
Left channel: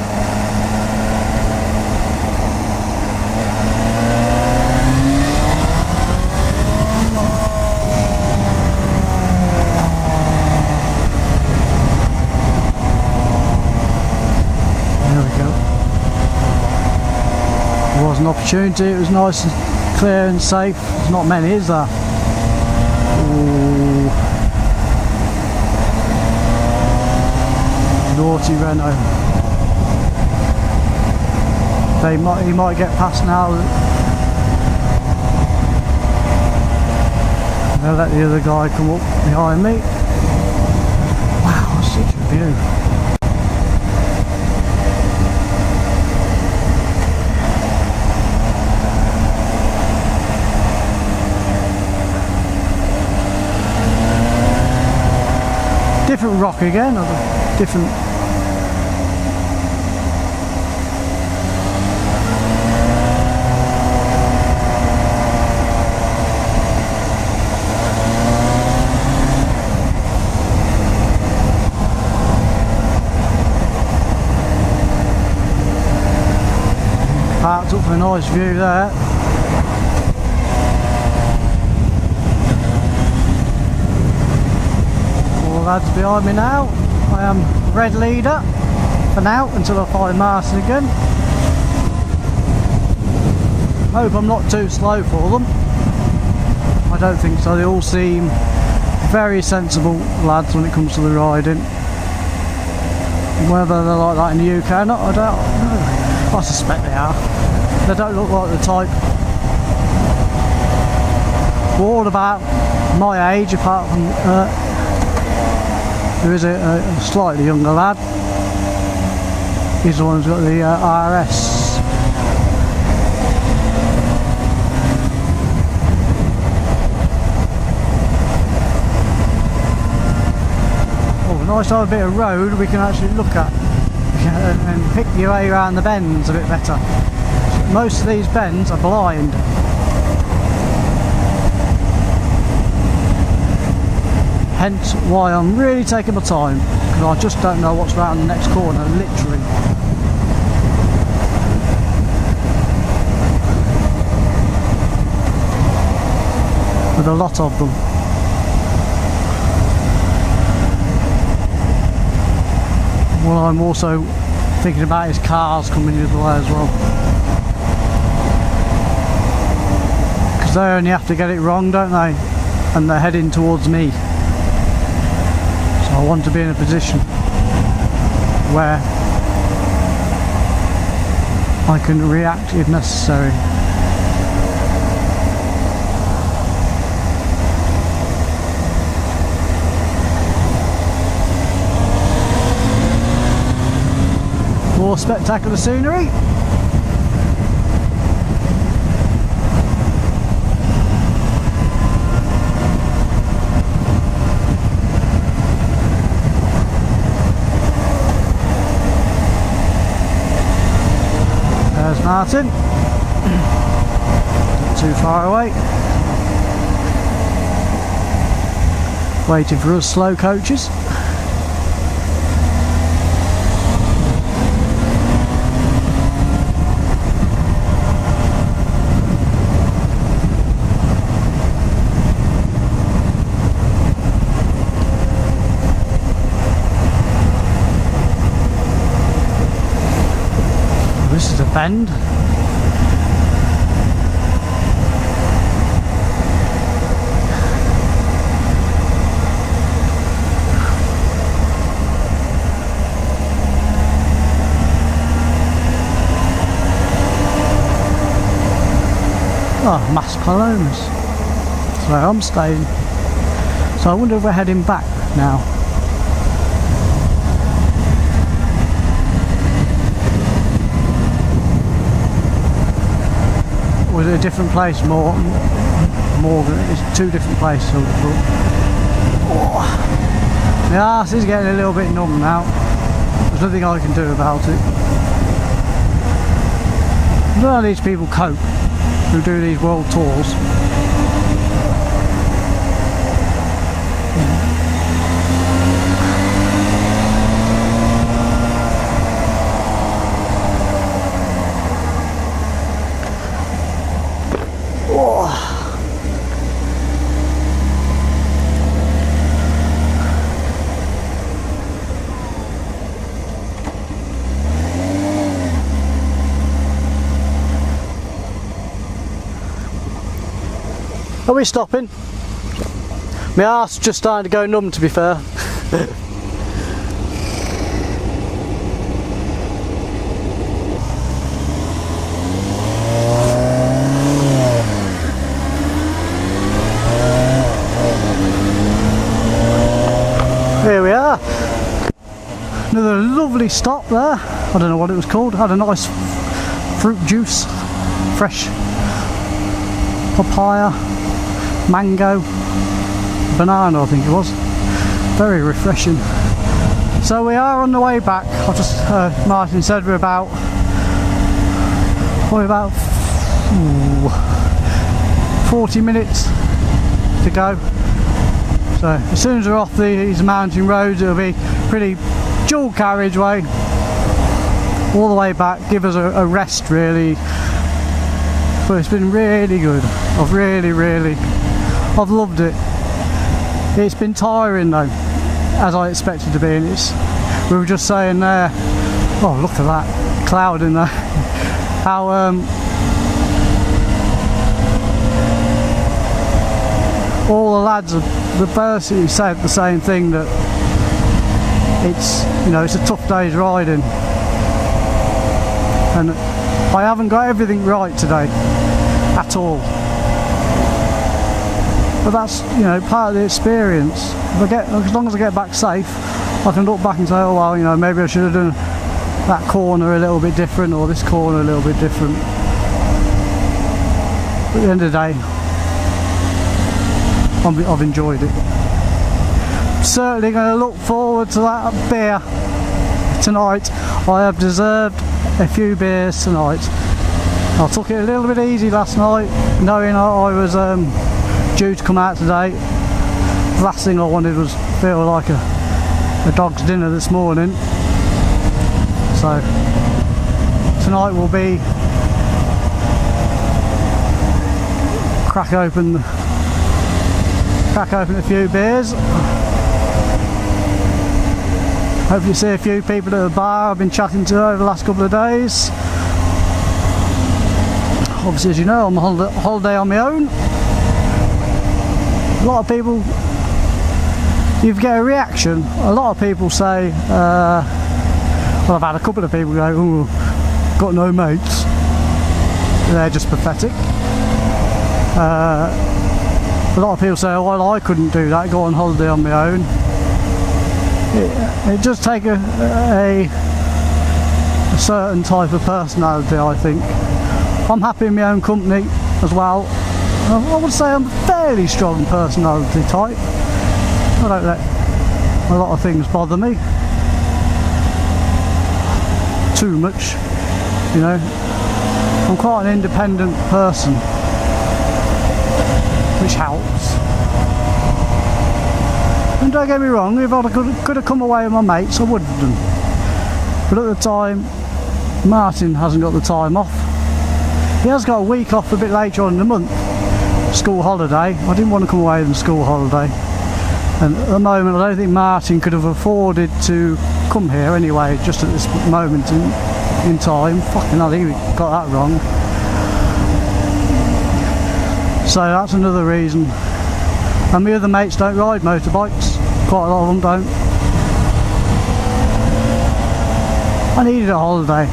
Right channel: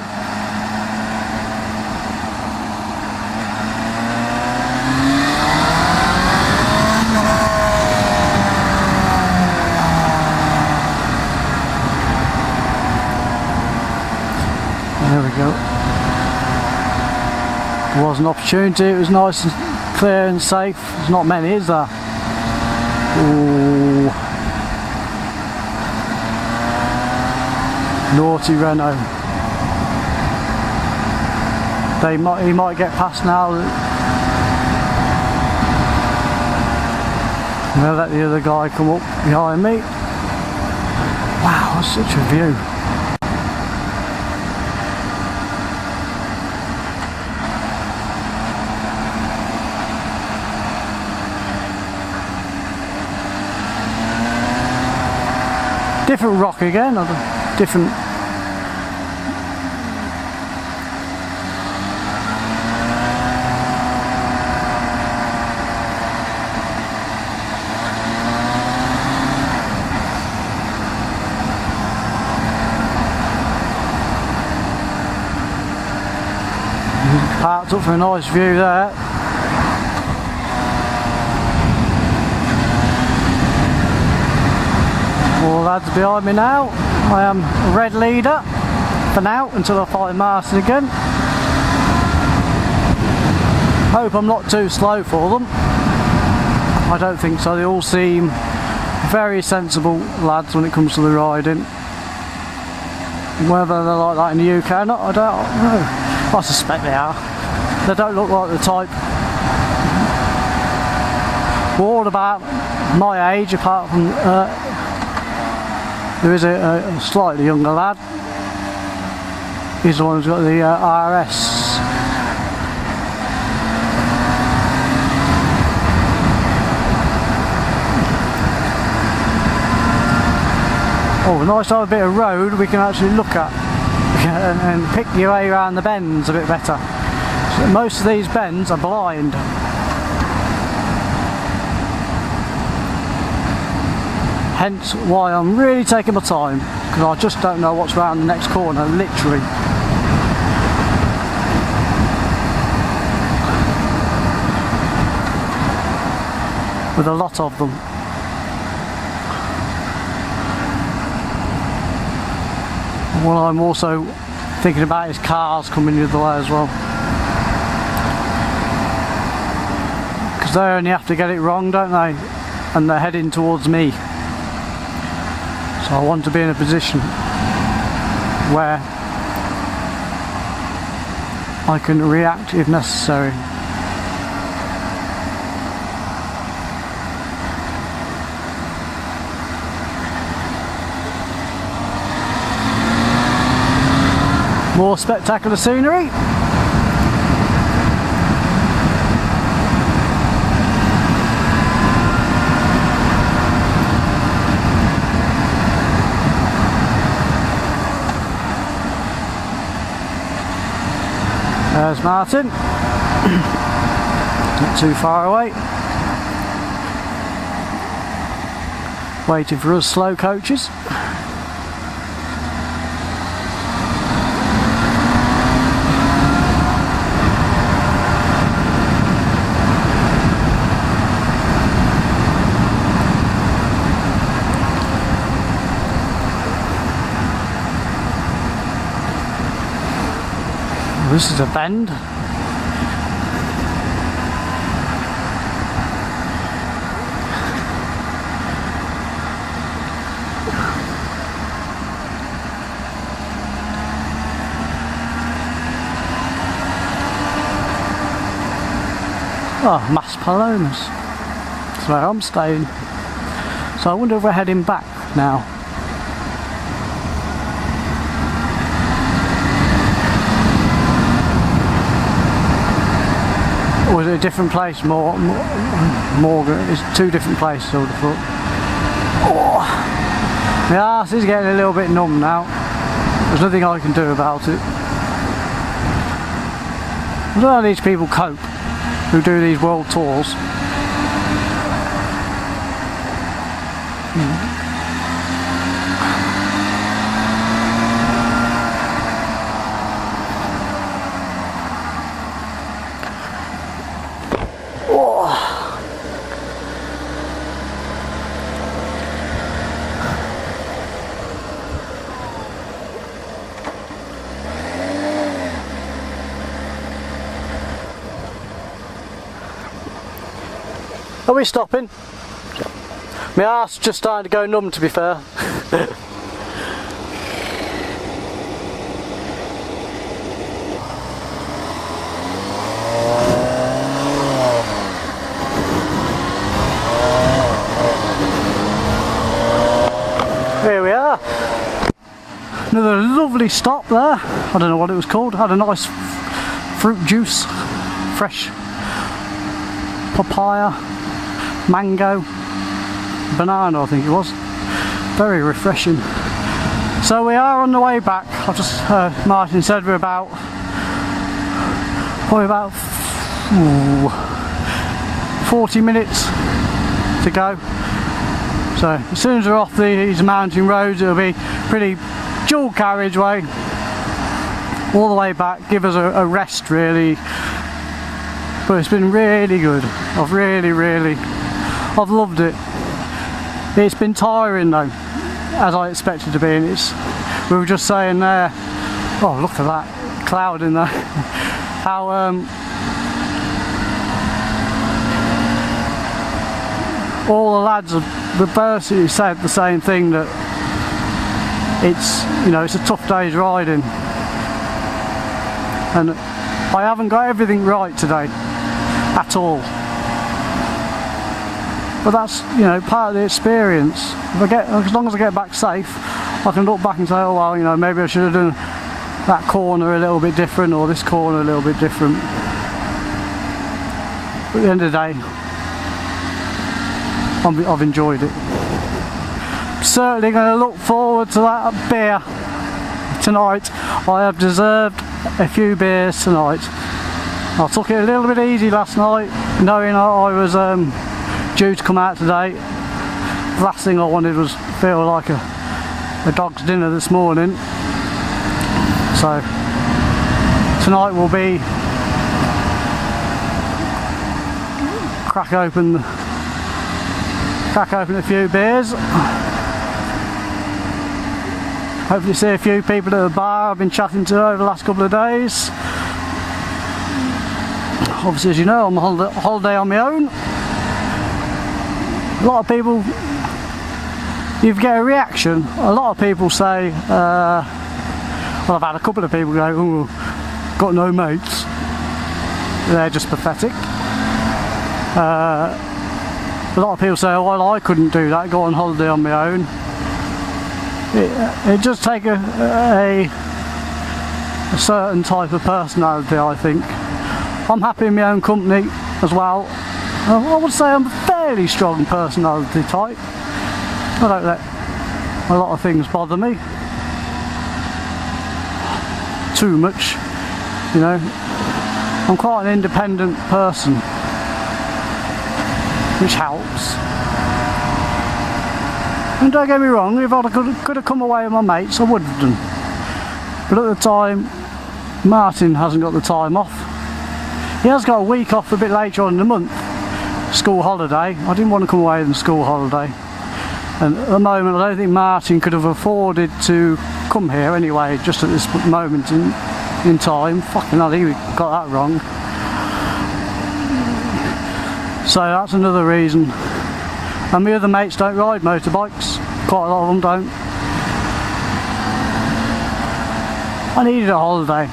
There was an opportunity, it was nice and clear and safe. There's not many, is there? Ooh. Naughty Renault. He might get past now. And they'll let the other guy come up behind me. Wow, that's such a view. rock again, or a different. Parked up for a nice view there. All the lads behind me now. I am red leader for now until I find Martin again. Hope I'm not too slow for them. I don't think so. They all seem very sensible lads when it comes to the riding. Whether they're like that in the UK or not, I don't know. I suspect they are. They don't look like the type. We're all about my age, apart from there is a slightly younger lad. He's the one who's got the RS. Oh, nice to have a bit of road we can actually look at and pick your way around the bends a bit better. So most of these bends are blind. Hence why I'm really taking my time, because I just don't know what's around the next corner, literally. With a lot of them. What I'm also thinking about is cars coming the other way as well. Because they only have to get it wrong, don't they? And they're heading towards me. So I want to be in a position where I can react if necessary. More spectacular scenery. There's Martin. Not too far away. Waiting for us slow coaches. This is a bend. Oh, Mas Palomas. That's where I'm staying. So I wonder if we're heading back now. Or is it a different place? More, it's two different places. Oh, my arse is getting a little bit numb now. There's nothing I can do about it. I don't know how these people cope who do these world tours. Are we stopping? My arse just starting to go numb, to be fair. Here we are. Another lovely stop there. I don't know what it was called. Had a nice fruit juice, fresh papaya, mango, banana I think it was. Very refreshing. So we are on the way back. I just heard Martin said we're probably about 40 minutes to go. So as soon as we're off these mountain roads, it'll be pretty dual carriageway all the way back, give us a rest really. But it's been really good. I've loved it. It's been tiring though, as I expected to be, and we were just saying there, oh look at that cloud in there, how all the lads have basically said the same thing, that it's, you know, it's a tough day's riding, and I haven't got everything right today at all, but that's, you know, part of the experience. As long as I get back safe, I can look back and say, oh well, you know, maybe I should have done that corner a little bit different, or this corner a little bit different. But at the end of the day, I've enjoyed it. Certainly going to look forward to that beer tonight. I have deserved a few beers tonight. I took it a little bit easy last night, knowing I was due to come out today. The last thing I wanted was feel like a dog's dinner this morning. So tonight will be crack open a few beers. Hopefully see a few people at the bar I've been chatting to over the last couple of days. Obviously, as you know, I'm on holiday on my own. A lot of people, you get a reaction. A lot of people say, well, I've had a couple of people go, oh, got no mates. They're just pathetic. A lot of people say, oh, well, I couldn't do that, go on holiday on my own. It does take a certain type of personality, I think. I'm happy in my own company as well. I would say I'm a fairly strong personality type. I don't let a lot of things bother me too much, you know. I'm quite an independent person, which helps. And don't get me wrong, if I could have come away with my mates, I would have done. But at the time, Martin hasn't got the time off. He has got a week off a bit later on in the month, school holiday. I didn't want to come away on school holiday. And at the moment, I don't think Martin could have afforded to come here anyway, just at this moment in time. Fucking hell, he got that wrong. So that's another reason. And my other mates don't ride motorbikes. Quite a lot of them don't. I needed a holiday.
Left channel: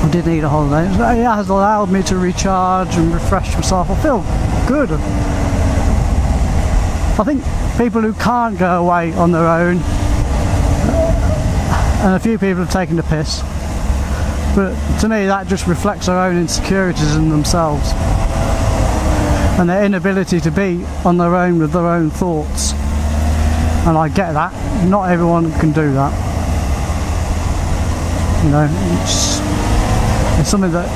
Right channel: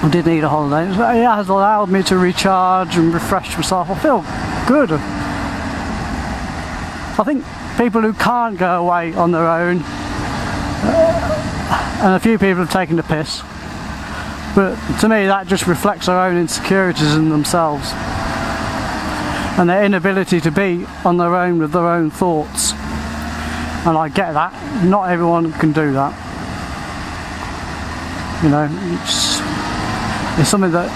I did need a holiday. It has allowed me to recharge and refresh myself. I feel good. I think people who can't go away on their own, and a few people have taken the piss, but to me that just reflects their own insecurities in themselves and their inability to be on their own with their own thoughts. And I get that. Not everyone can do that. You know, it's something that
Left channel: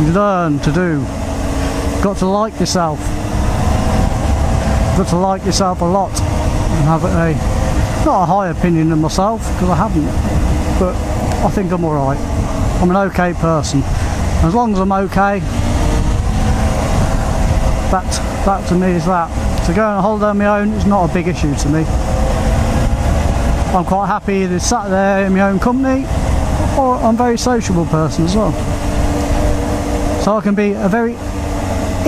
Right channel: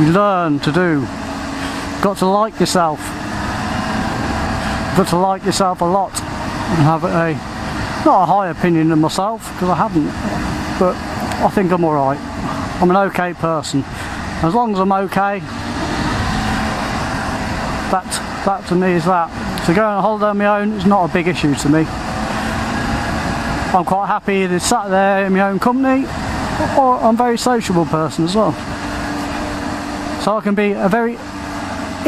you learn to do. You've got to like yourself. You've got to like yourself a lot and have not a high opinion of myself, because I haven't, but I think I'm alright. I'm an okay person. As long as I'm okay, that to me is that. So going on a holiday on my own is not a big issue to me. I'm quite happy either sat there in my own company, or I'm a very sociable person as well. So I can be a very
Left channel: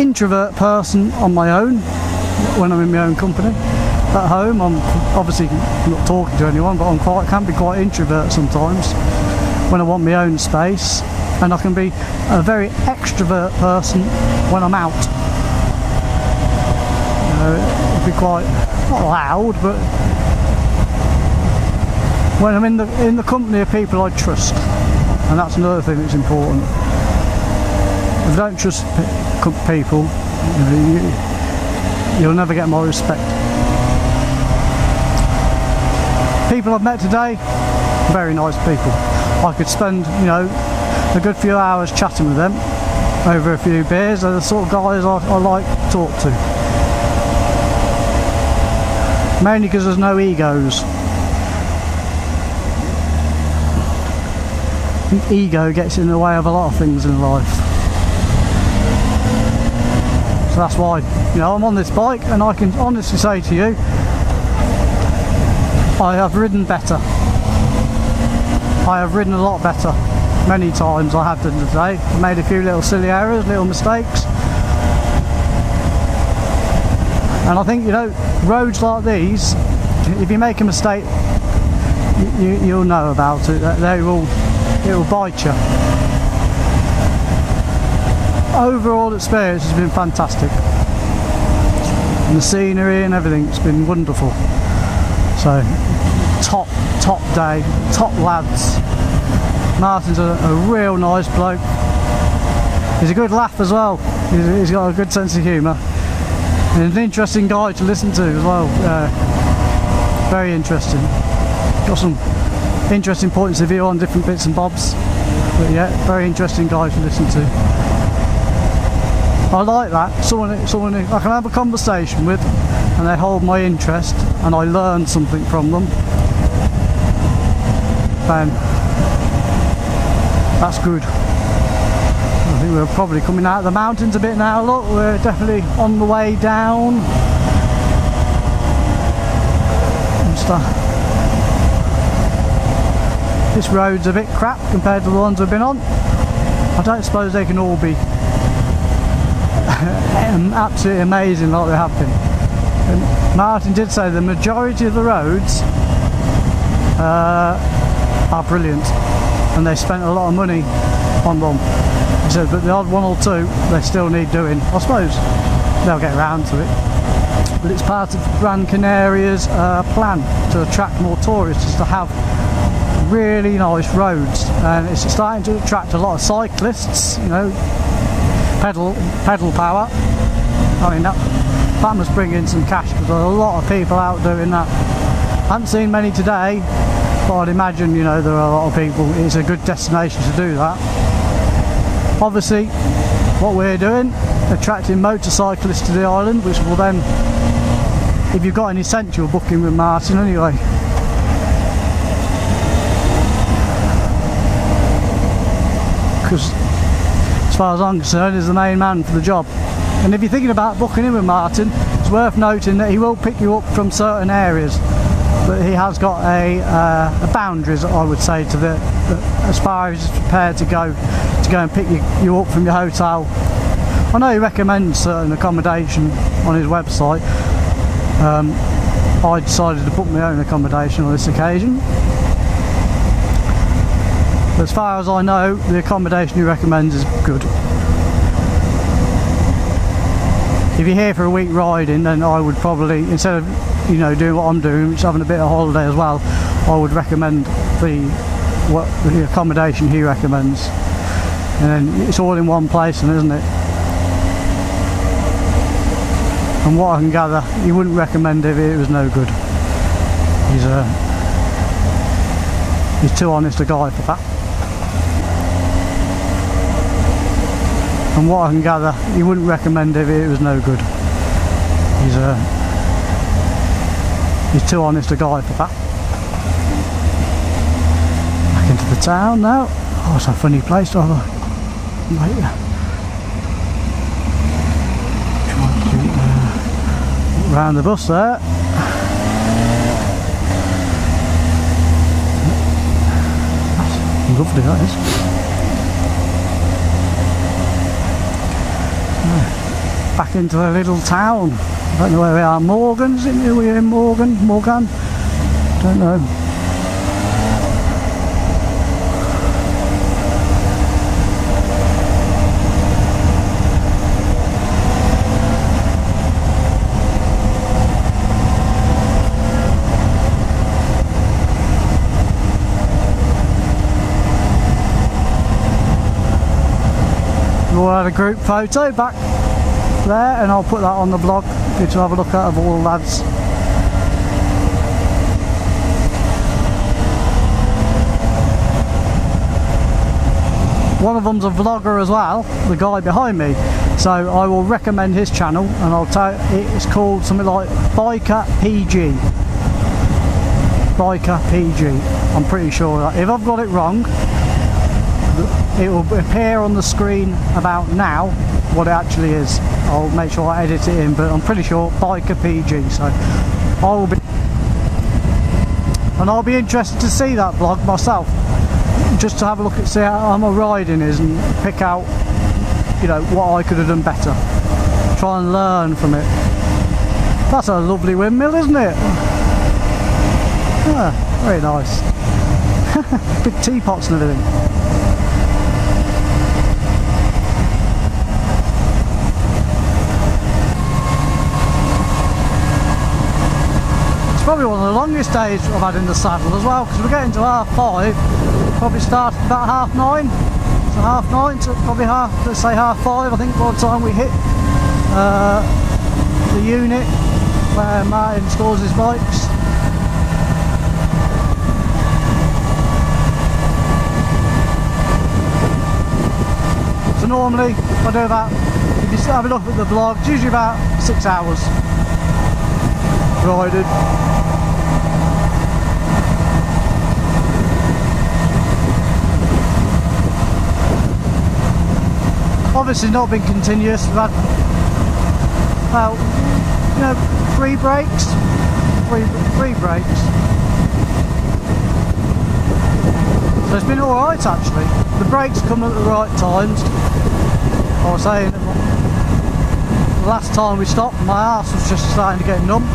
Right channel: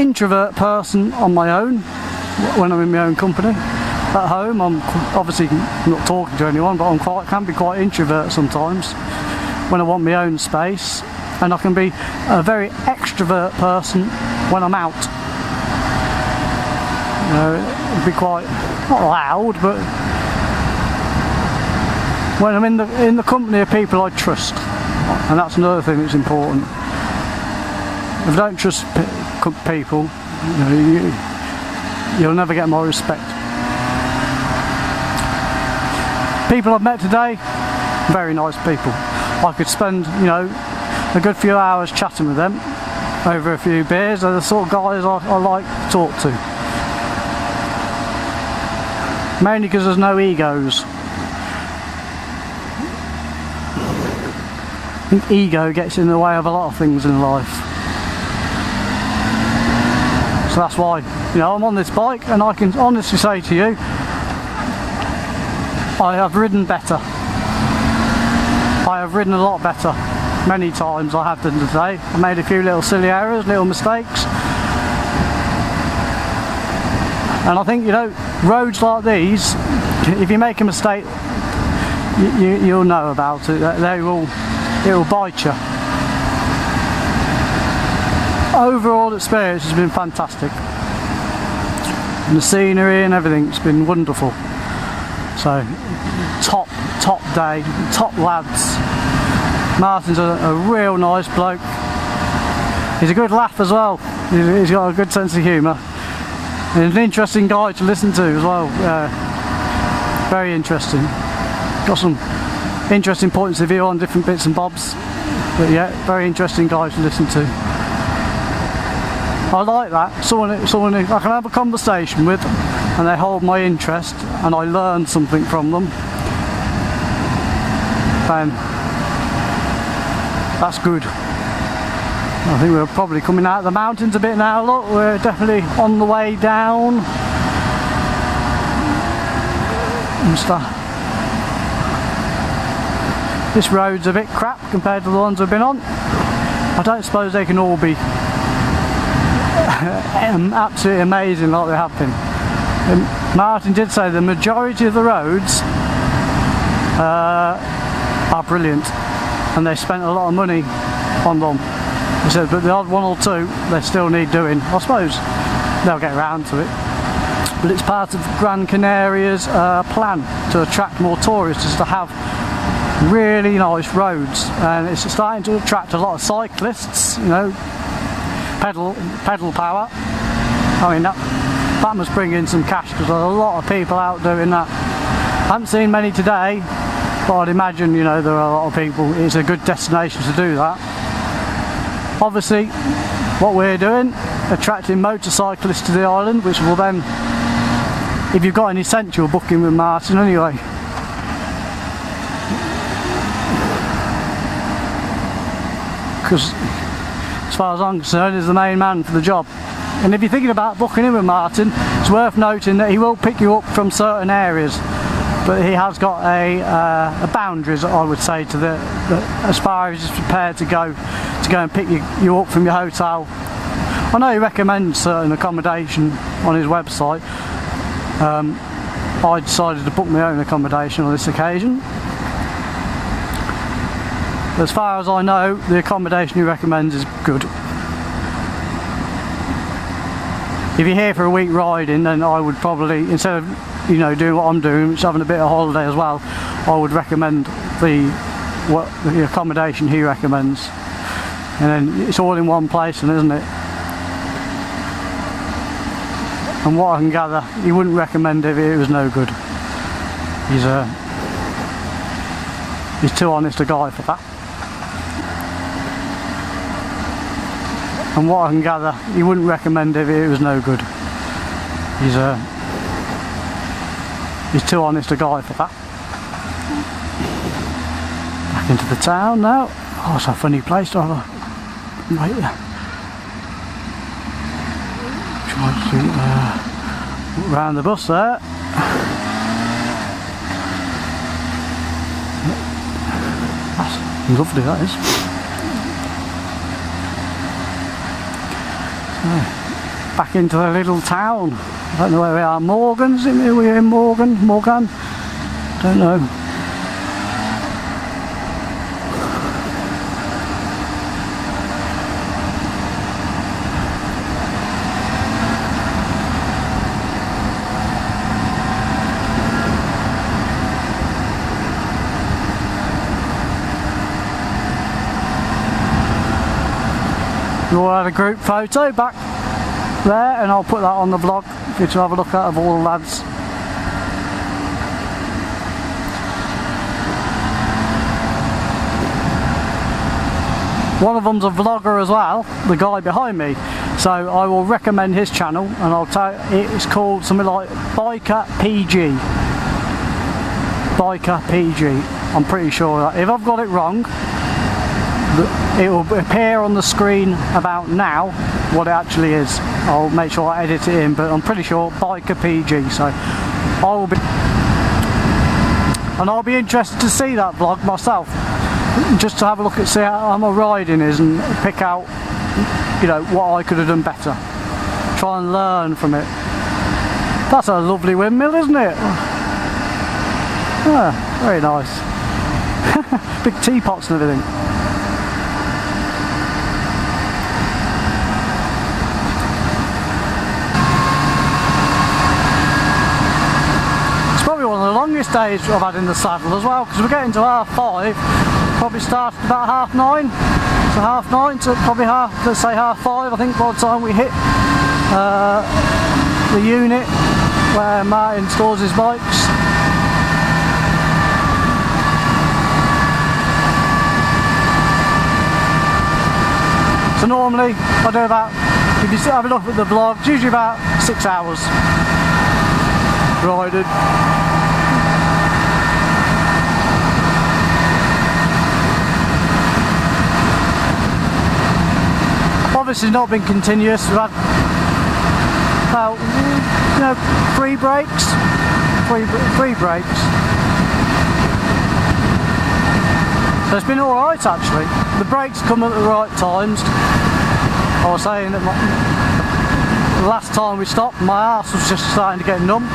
introvert person on my own when I'm in my own company. At home, I'm obviously not talking to anyone, but can be quite introvert sometimes when I want my own space. And I can be a very extrovert person when I'm out. You know, it'd be quite, not loud, but when I'm in the company of people I trust. And that's another thing that's important. If I don't trust people, you'll never get my respect. people I've met today, very nice people. I could spend, you know, a good few hours chatting with them over a few beers. They're the sort of guys I like to talk to. Mainly because there's no egos. I think ego gets in the way of a lot of things in life. So that's why, you know, I'm on this bike, and I can honestly say to you, I have ridden better. I have ridden a lot better. Many times I have done today. I made a few little silly errors, little mistakes. And I think, you know, roads like these, if you make a mistake, you'll know about it. It will bite you. Overall experience has been fantastic. And the scenery and everything's been wonderful. So, top day, top lads. Martin's a real nice bloke. He's a good laugh as well. He's got a good sense of humour. And an interesting guy to listen to as well. Very interesting. Got some interesting points of view on different bits and bobs. But yeah, very interesting guy to listen to. I like that. Someone who I can have a conversation with, and they hold my interest, and I learn something from them. Then that's good. I think we're probably coming out of the mountains a bit now. Look, we're definitely on the way down and stuff. This road's a bit crap compared to the ones we've been on. I don't suppose they can all be absolutely amazing like they have been. And Martin did say the majority of the roads are brilliant, and they spent a lot of money on them. He said, but the odd one or two they still need doing. I suppose they'll get around to it. But it's part of Gran Canaria's plan to attract more tourists, to have really nice roads, and it's starting to attract a lot of cyclists. You know, pedal power. I mean, that must bring in some cash, because there's a lot of people out doing that. I haven't seen many today, but I'd imagine, you know, there are a lot of people. It's a good destination to do that. Obviously, what we're doing, attracting motorcyclists to the island, which will then, if you've got an essential, booking with Martin anyway. Because as far as I'm concerned, he's the main man for the job. And if you're thinking about booking in with Martin, it's worth noting that he will pick you up from certain areas, but he has got a boundaries, I would say, to the as far as he's prepared to go and pick you up from your hotel. I know he recommends certain accommodation on his website. I decided to book my own accommodation on this occasion. As far as I know, the accommodation he recommends is good. If you're here for a week riding, then I would probably, instead of, you know, doing what I'm doing, which is having a bit of holiday as well, I would recommend the accommodation he recommends. And then it's all in one place, isn't it? From what I can gather, he wouldn't recommend it if it was no good. He's too honest a guy for that. From what I can gather, he wouldn't recommend it if it was no good. He's too honest a guy for that. Back into the town now. Oh, it's a funny place to have a wait there. Try to look round the bus there. That's lovely, that is. Back into the little town. I don't know where we are. Morgan's in here. We're in Morgan. Don't know. We all had a group photo back there, and I'll put that on the blog for you to have a look at, of all the lads. one of them's a vlogger as well, the guy behind me. So I will recommend his channel, and I'll tell it's called something like Biker PG. Biker PG. I'm pretty sure that if I've got it wrong, it will appear on the screen about now what it actually is. I'll make sure I edit it in, but I'm pretty sure Biker PG. So I'll be interested to see that vlog myself, just to have a look at see how my riding is and pick out, you know, what I could have done better. Try and learn from it. That's a lovely windmill, isn't it? Yeah, very nice. Big teapots and everything. It's probably one of the longest days I've had in the saddle as well, because we're getting to 5:30. Probably start about 9:30. So 9:30 to probably let's say 5:30, I think, by the time we hit the unit where Martin stores his bikes. So normally I do about, if you have a look at the vlog, it's usually about 6 hours riding. Obviously not been continuous. We've had about, you know, three breaks. So it's been alright actually. The breaks come at the right times. I was saying that the last time we stopped, my arse was just starting to get numb.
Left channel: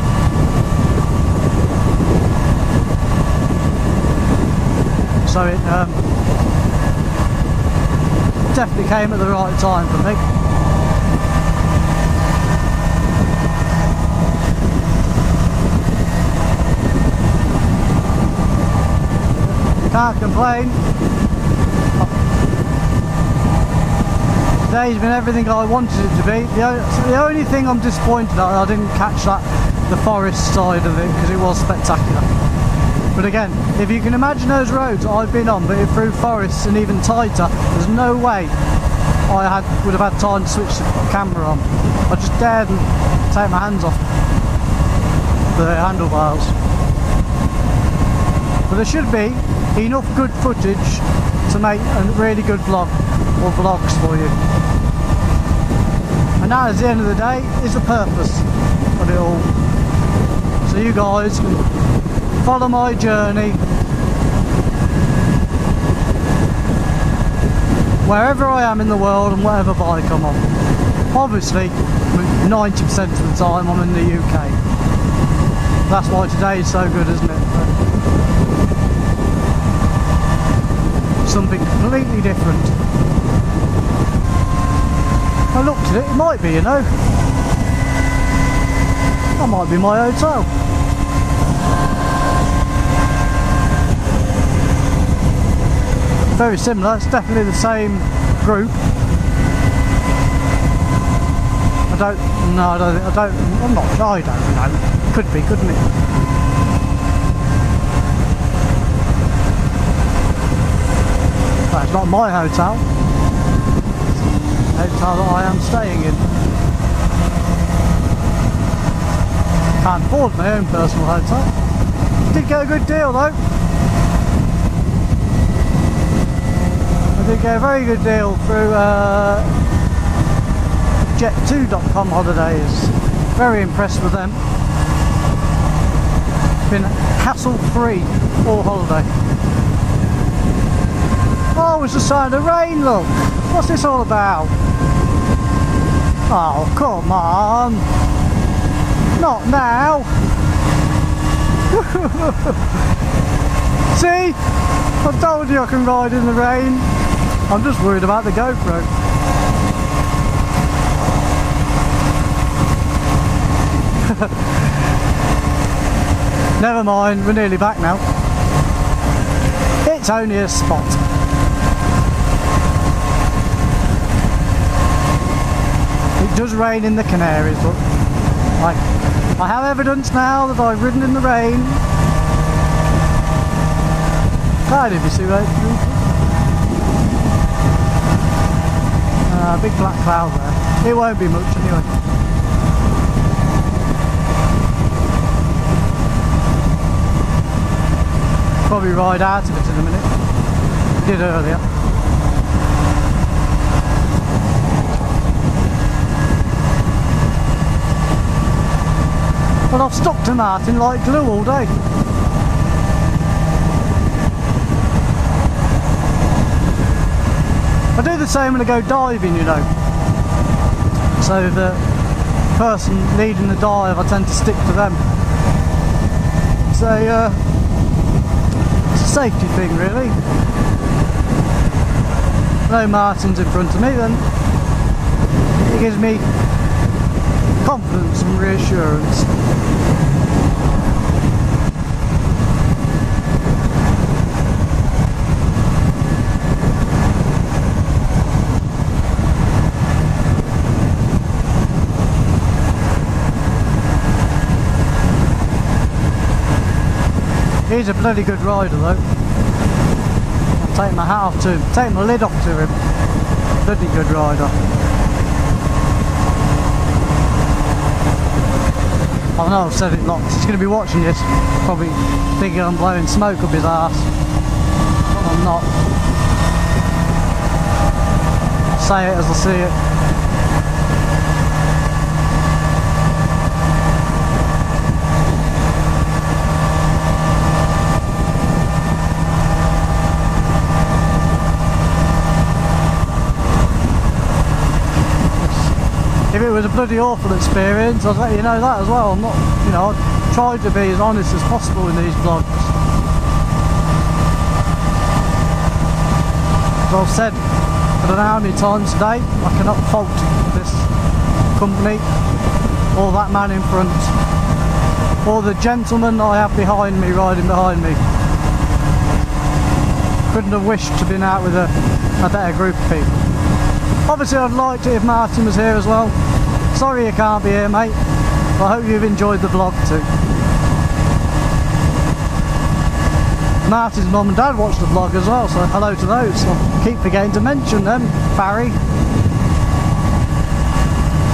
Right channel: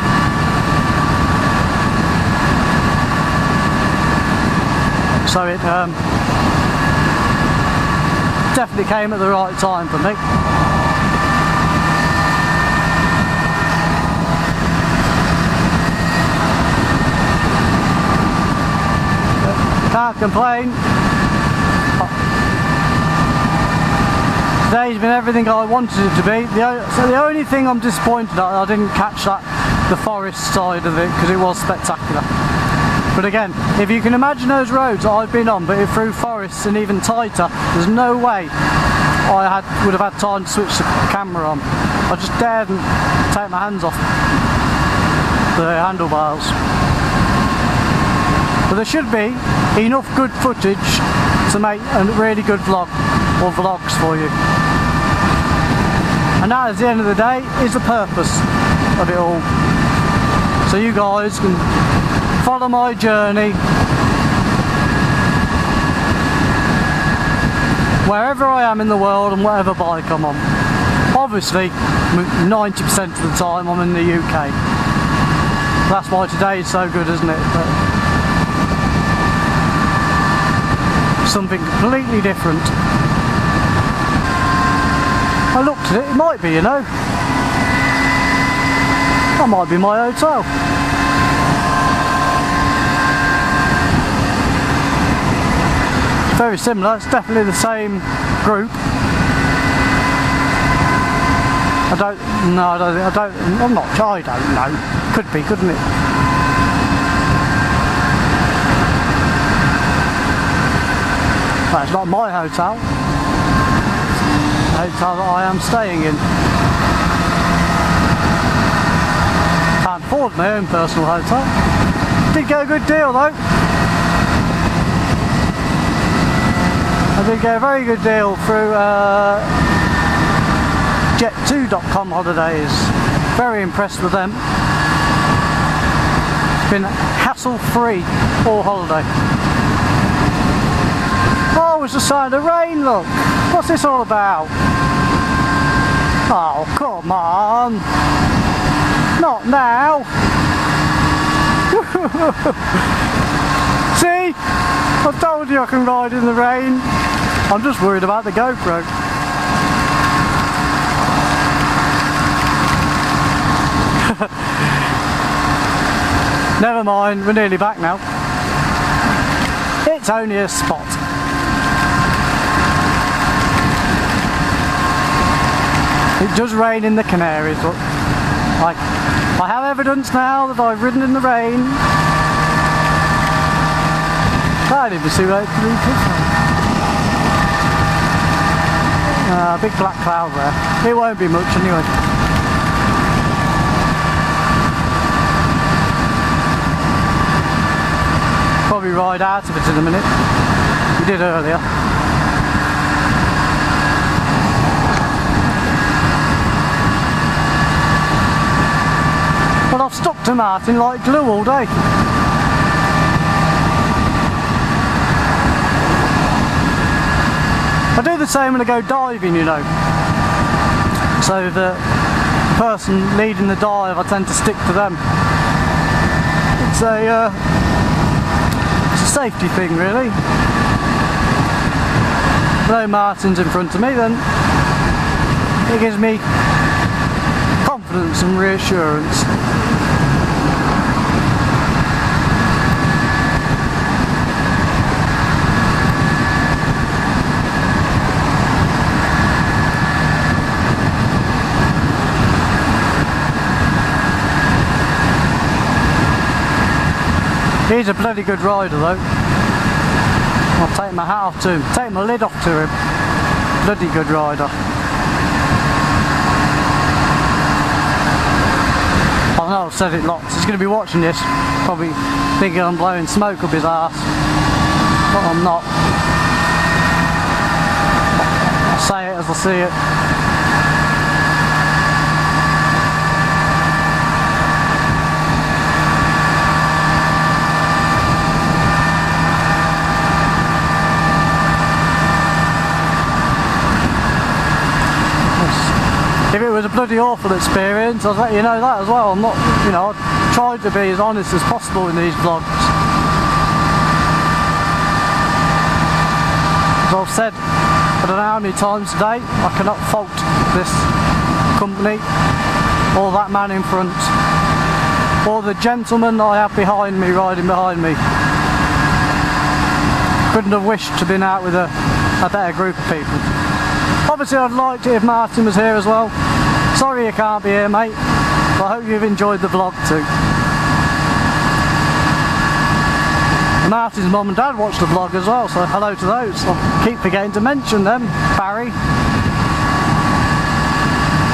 So it definitely came at the right time for me. Can't complain. Today's been everything I wanted it to be. So the only thing I'm disappointed at, I didn't catch the forest side of it, because it was spectacular. But again, if you can imagine those roads that I've been on, but through forests and even tighter, there's no way I would have had time to switch the camera on. I just daredn't take my hands off the handlebars. But there should be enough good footage to make a really good vlog or vlogs for you. And that, at the end of the day, is the purpose of it all. So you guys can follow my journey wherever I am in the world and whatever bike I'm on. Obviously 90% of the time I'm in the UK. That's why today is so good, isn't it? But something completely different. I looked at it, it might be, you know. That might be my hotel. Very similar, it's definitely the same group. I don't know. Could be, couldn't it? Well, it's not my hotel. The hotel that I am staying in. Can't afford my own personal hotel. Did get a good deal though. I did get a very good deal through jet2.com holidays. Very impressed with them. Been hassle-free all holiday. Oh, it's the sign of rain, look. What's this all about? Oh, come on. Not now. See? I told you I can ride in the rain. I'm just worried about the GoPro. Never mind, we're nearly back now. It's only a spot. It does rain in the Canaries, but I have evidence now that I've ridden in the rain. I didn't even see where it's Big black cloud there. It won't be much anyway. Probably ride out of it in a minute. We did earlier. But I've stuck to Martin like glue all day. I do the same when I go diving, you know. So the person leading the dive, I tend to stick to them. It's a safety thing, really. If no Martin's in front of me, then it gives me confidence and reassurance. He's a bloody good rider though. I'll take my hat off to him, take my lid off to him. Bloody good rider. I know I've said it lots, he's going to be watching this, probably thinking I'm blowing smoke up his arse, but I'm not. I'll say it as I see it. If it was a bloody awful experience, I'd let you know that as well. I'm not, you know, I've tried to be as honest as possible in these vlogs. As I've said, I don't know how many times today, I cannot fault this company, or that man in front, or the gentleman I have behind me, riding behind me. Couldn't have wished to have been out with a better group of people. Obviously I'd like it if Martin was here as well. Sorry you can't be here, mate. I hope you've enjoyed the vlog too. Martin's mum and dad watched the vlog as well, so hello to those. I keep forgetting to mention them. Barry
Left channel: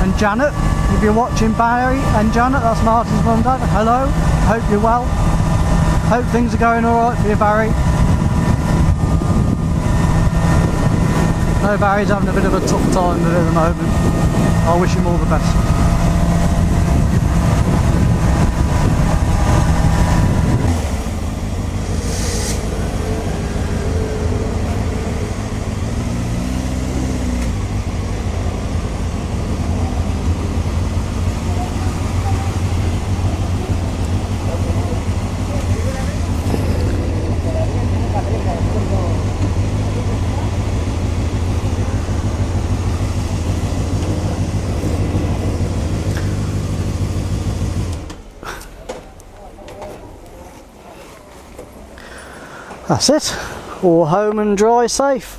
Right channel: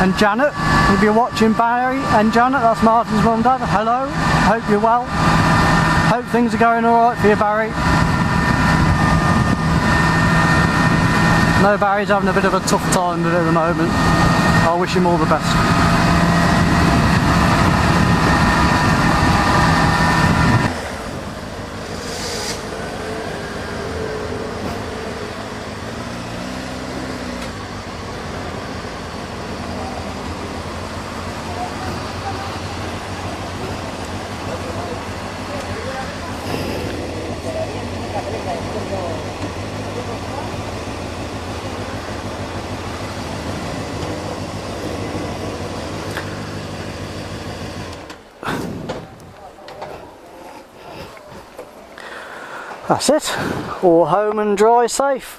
and Janet. If you're watching, Barry and Janet, that's Martin's mum and dad. Hello, hope you're well. Hope things are going alright for you, Barry. No, Barry's having a bit of a tough time with it at the moment. I wish him all the best. That's it. All home and dry safe.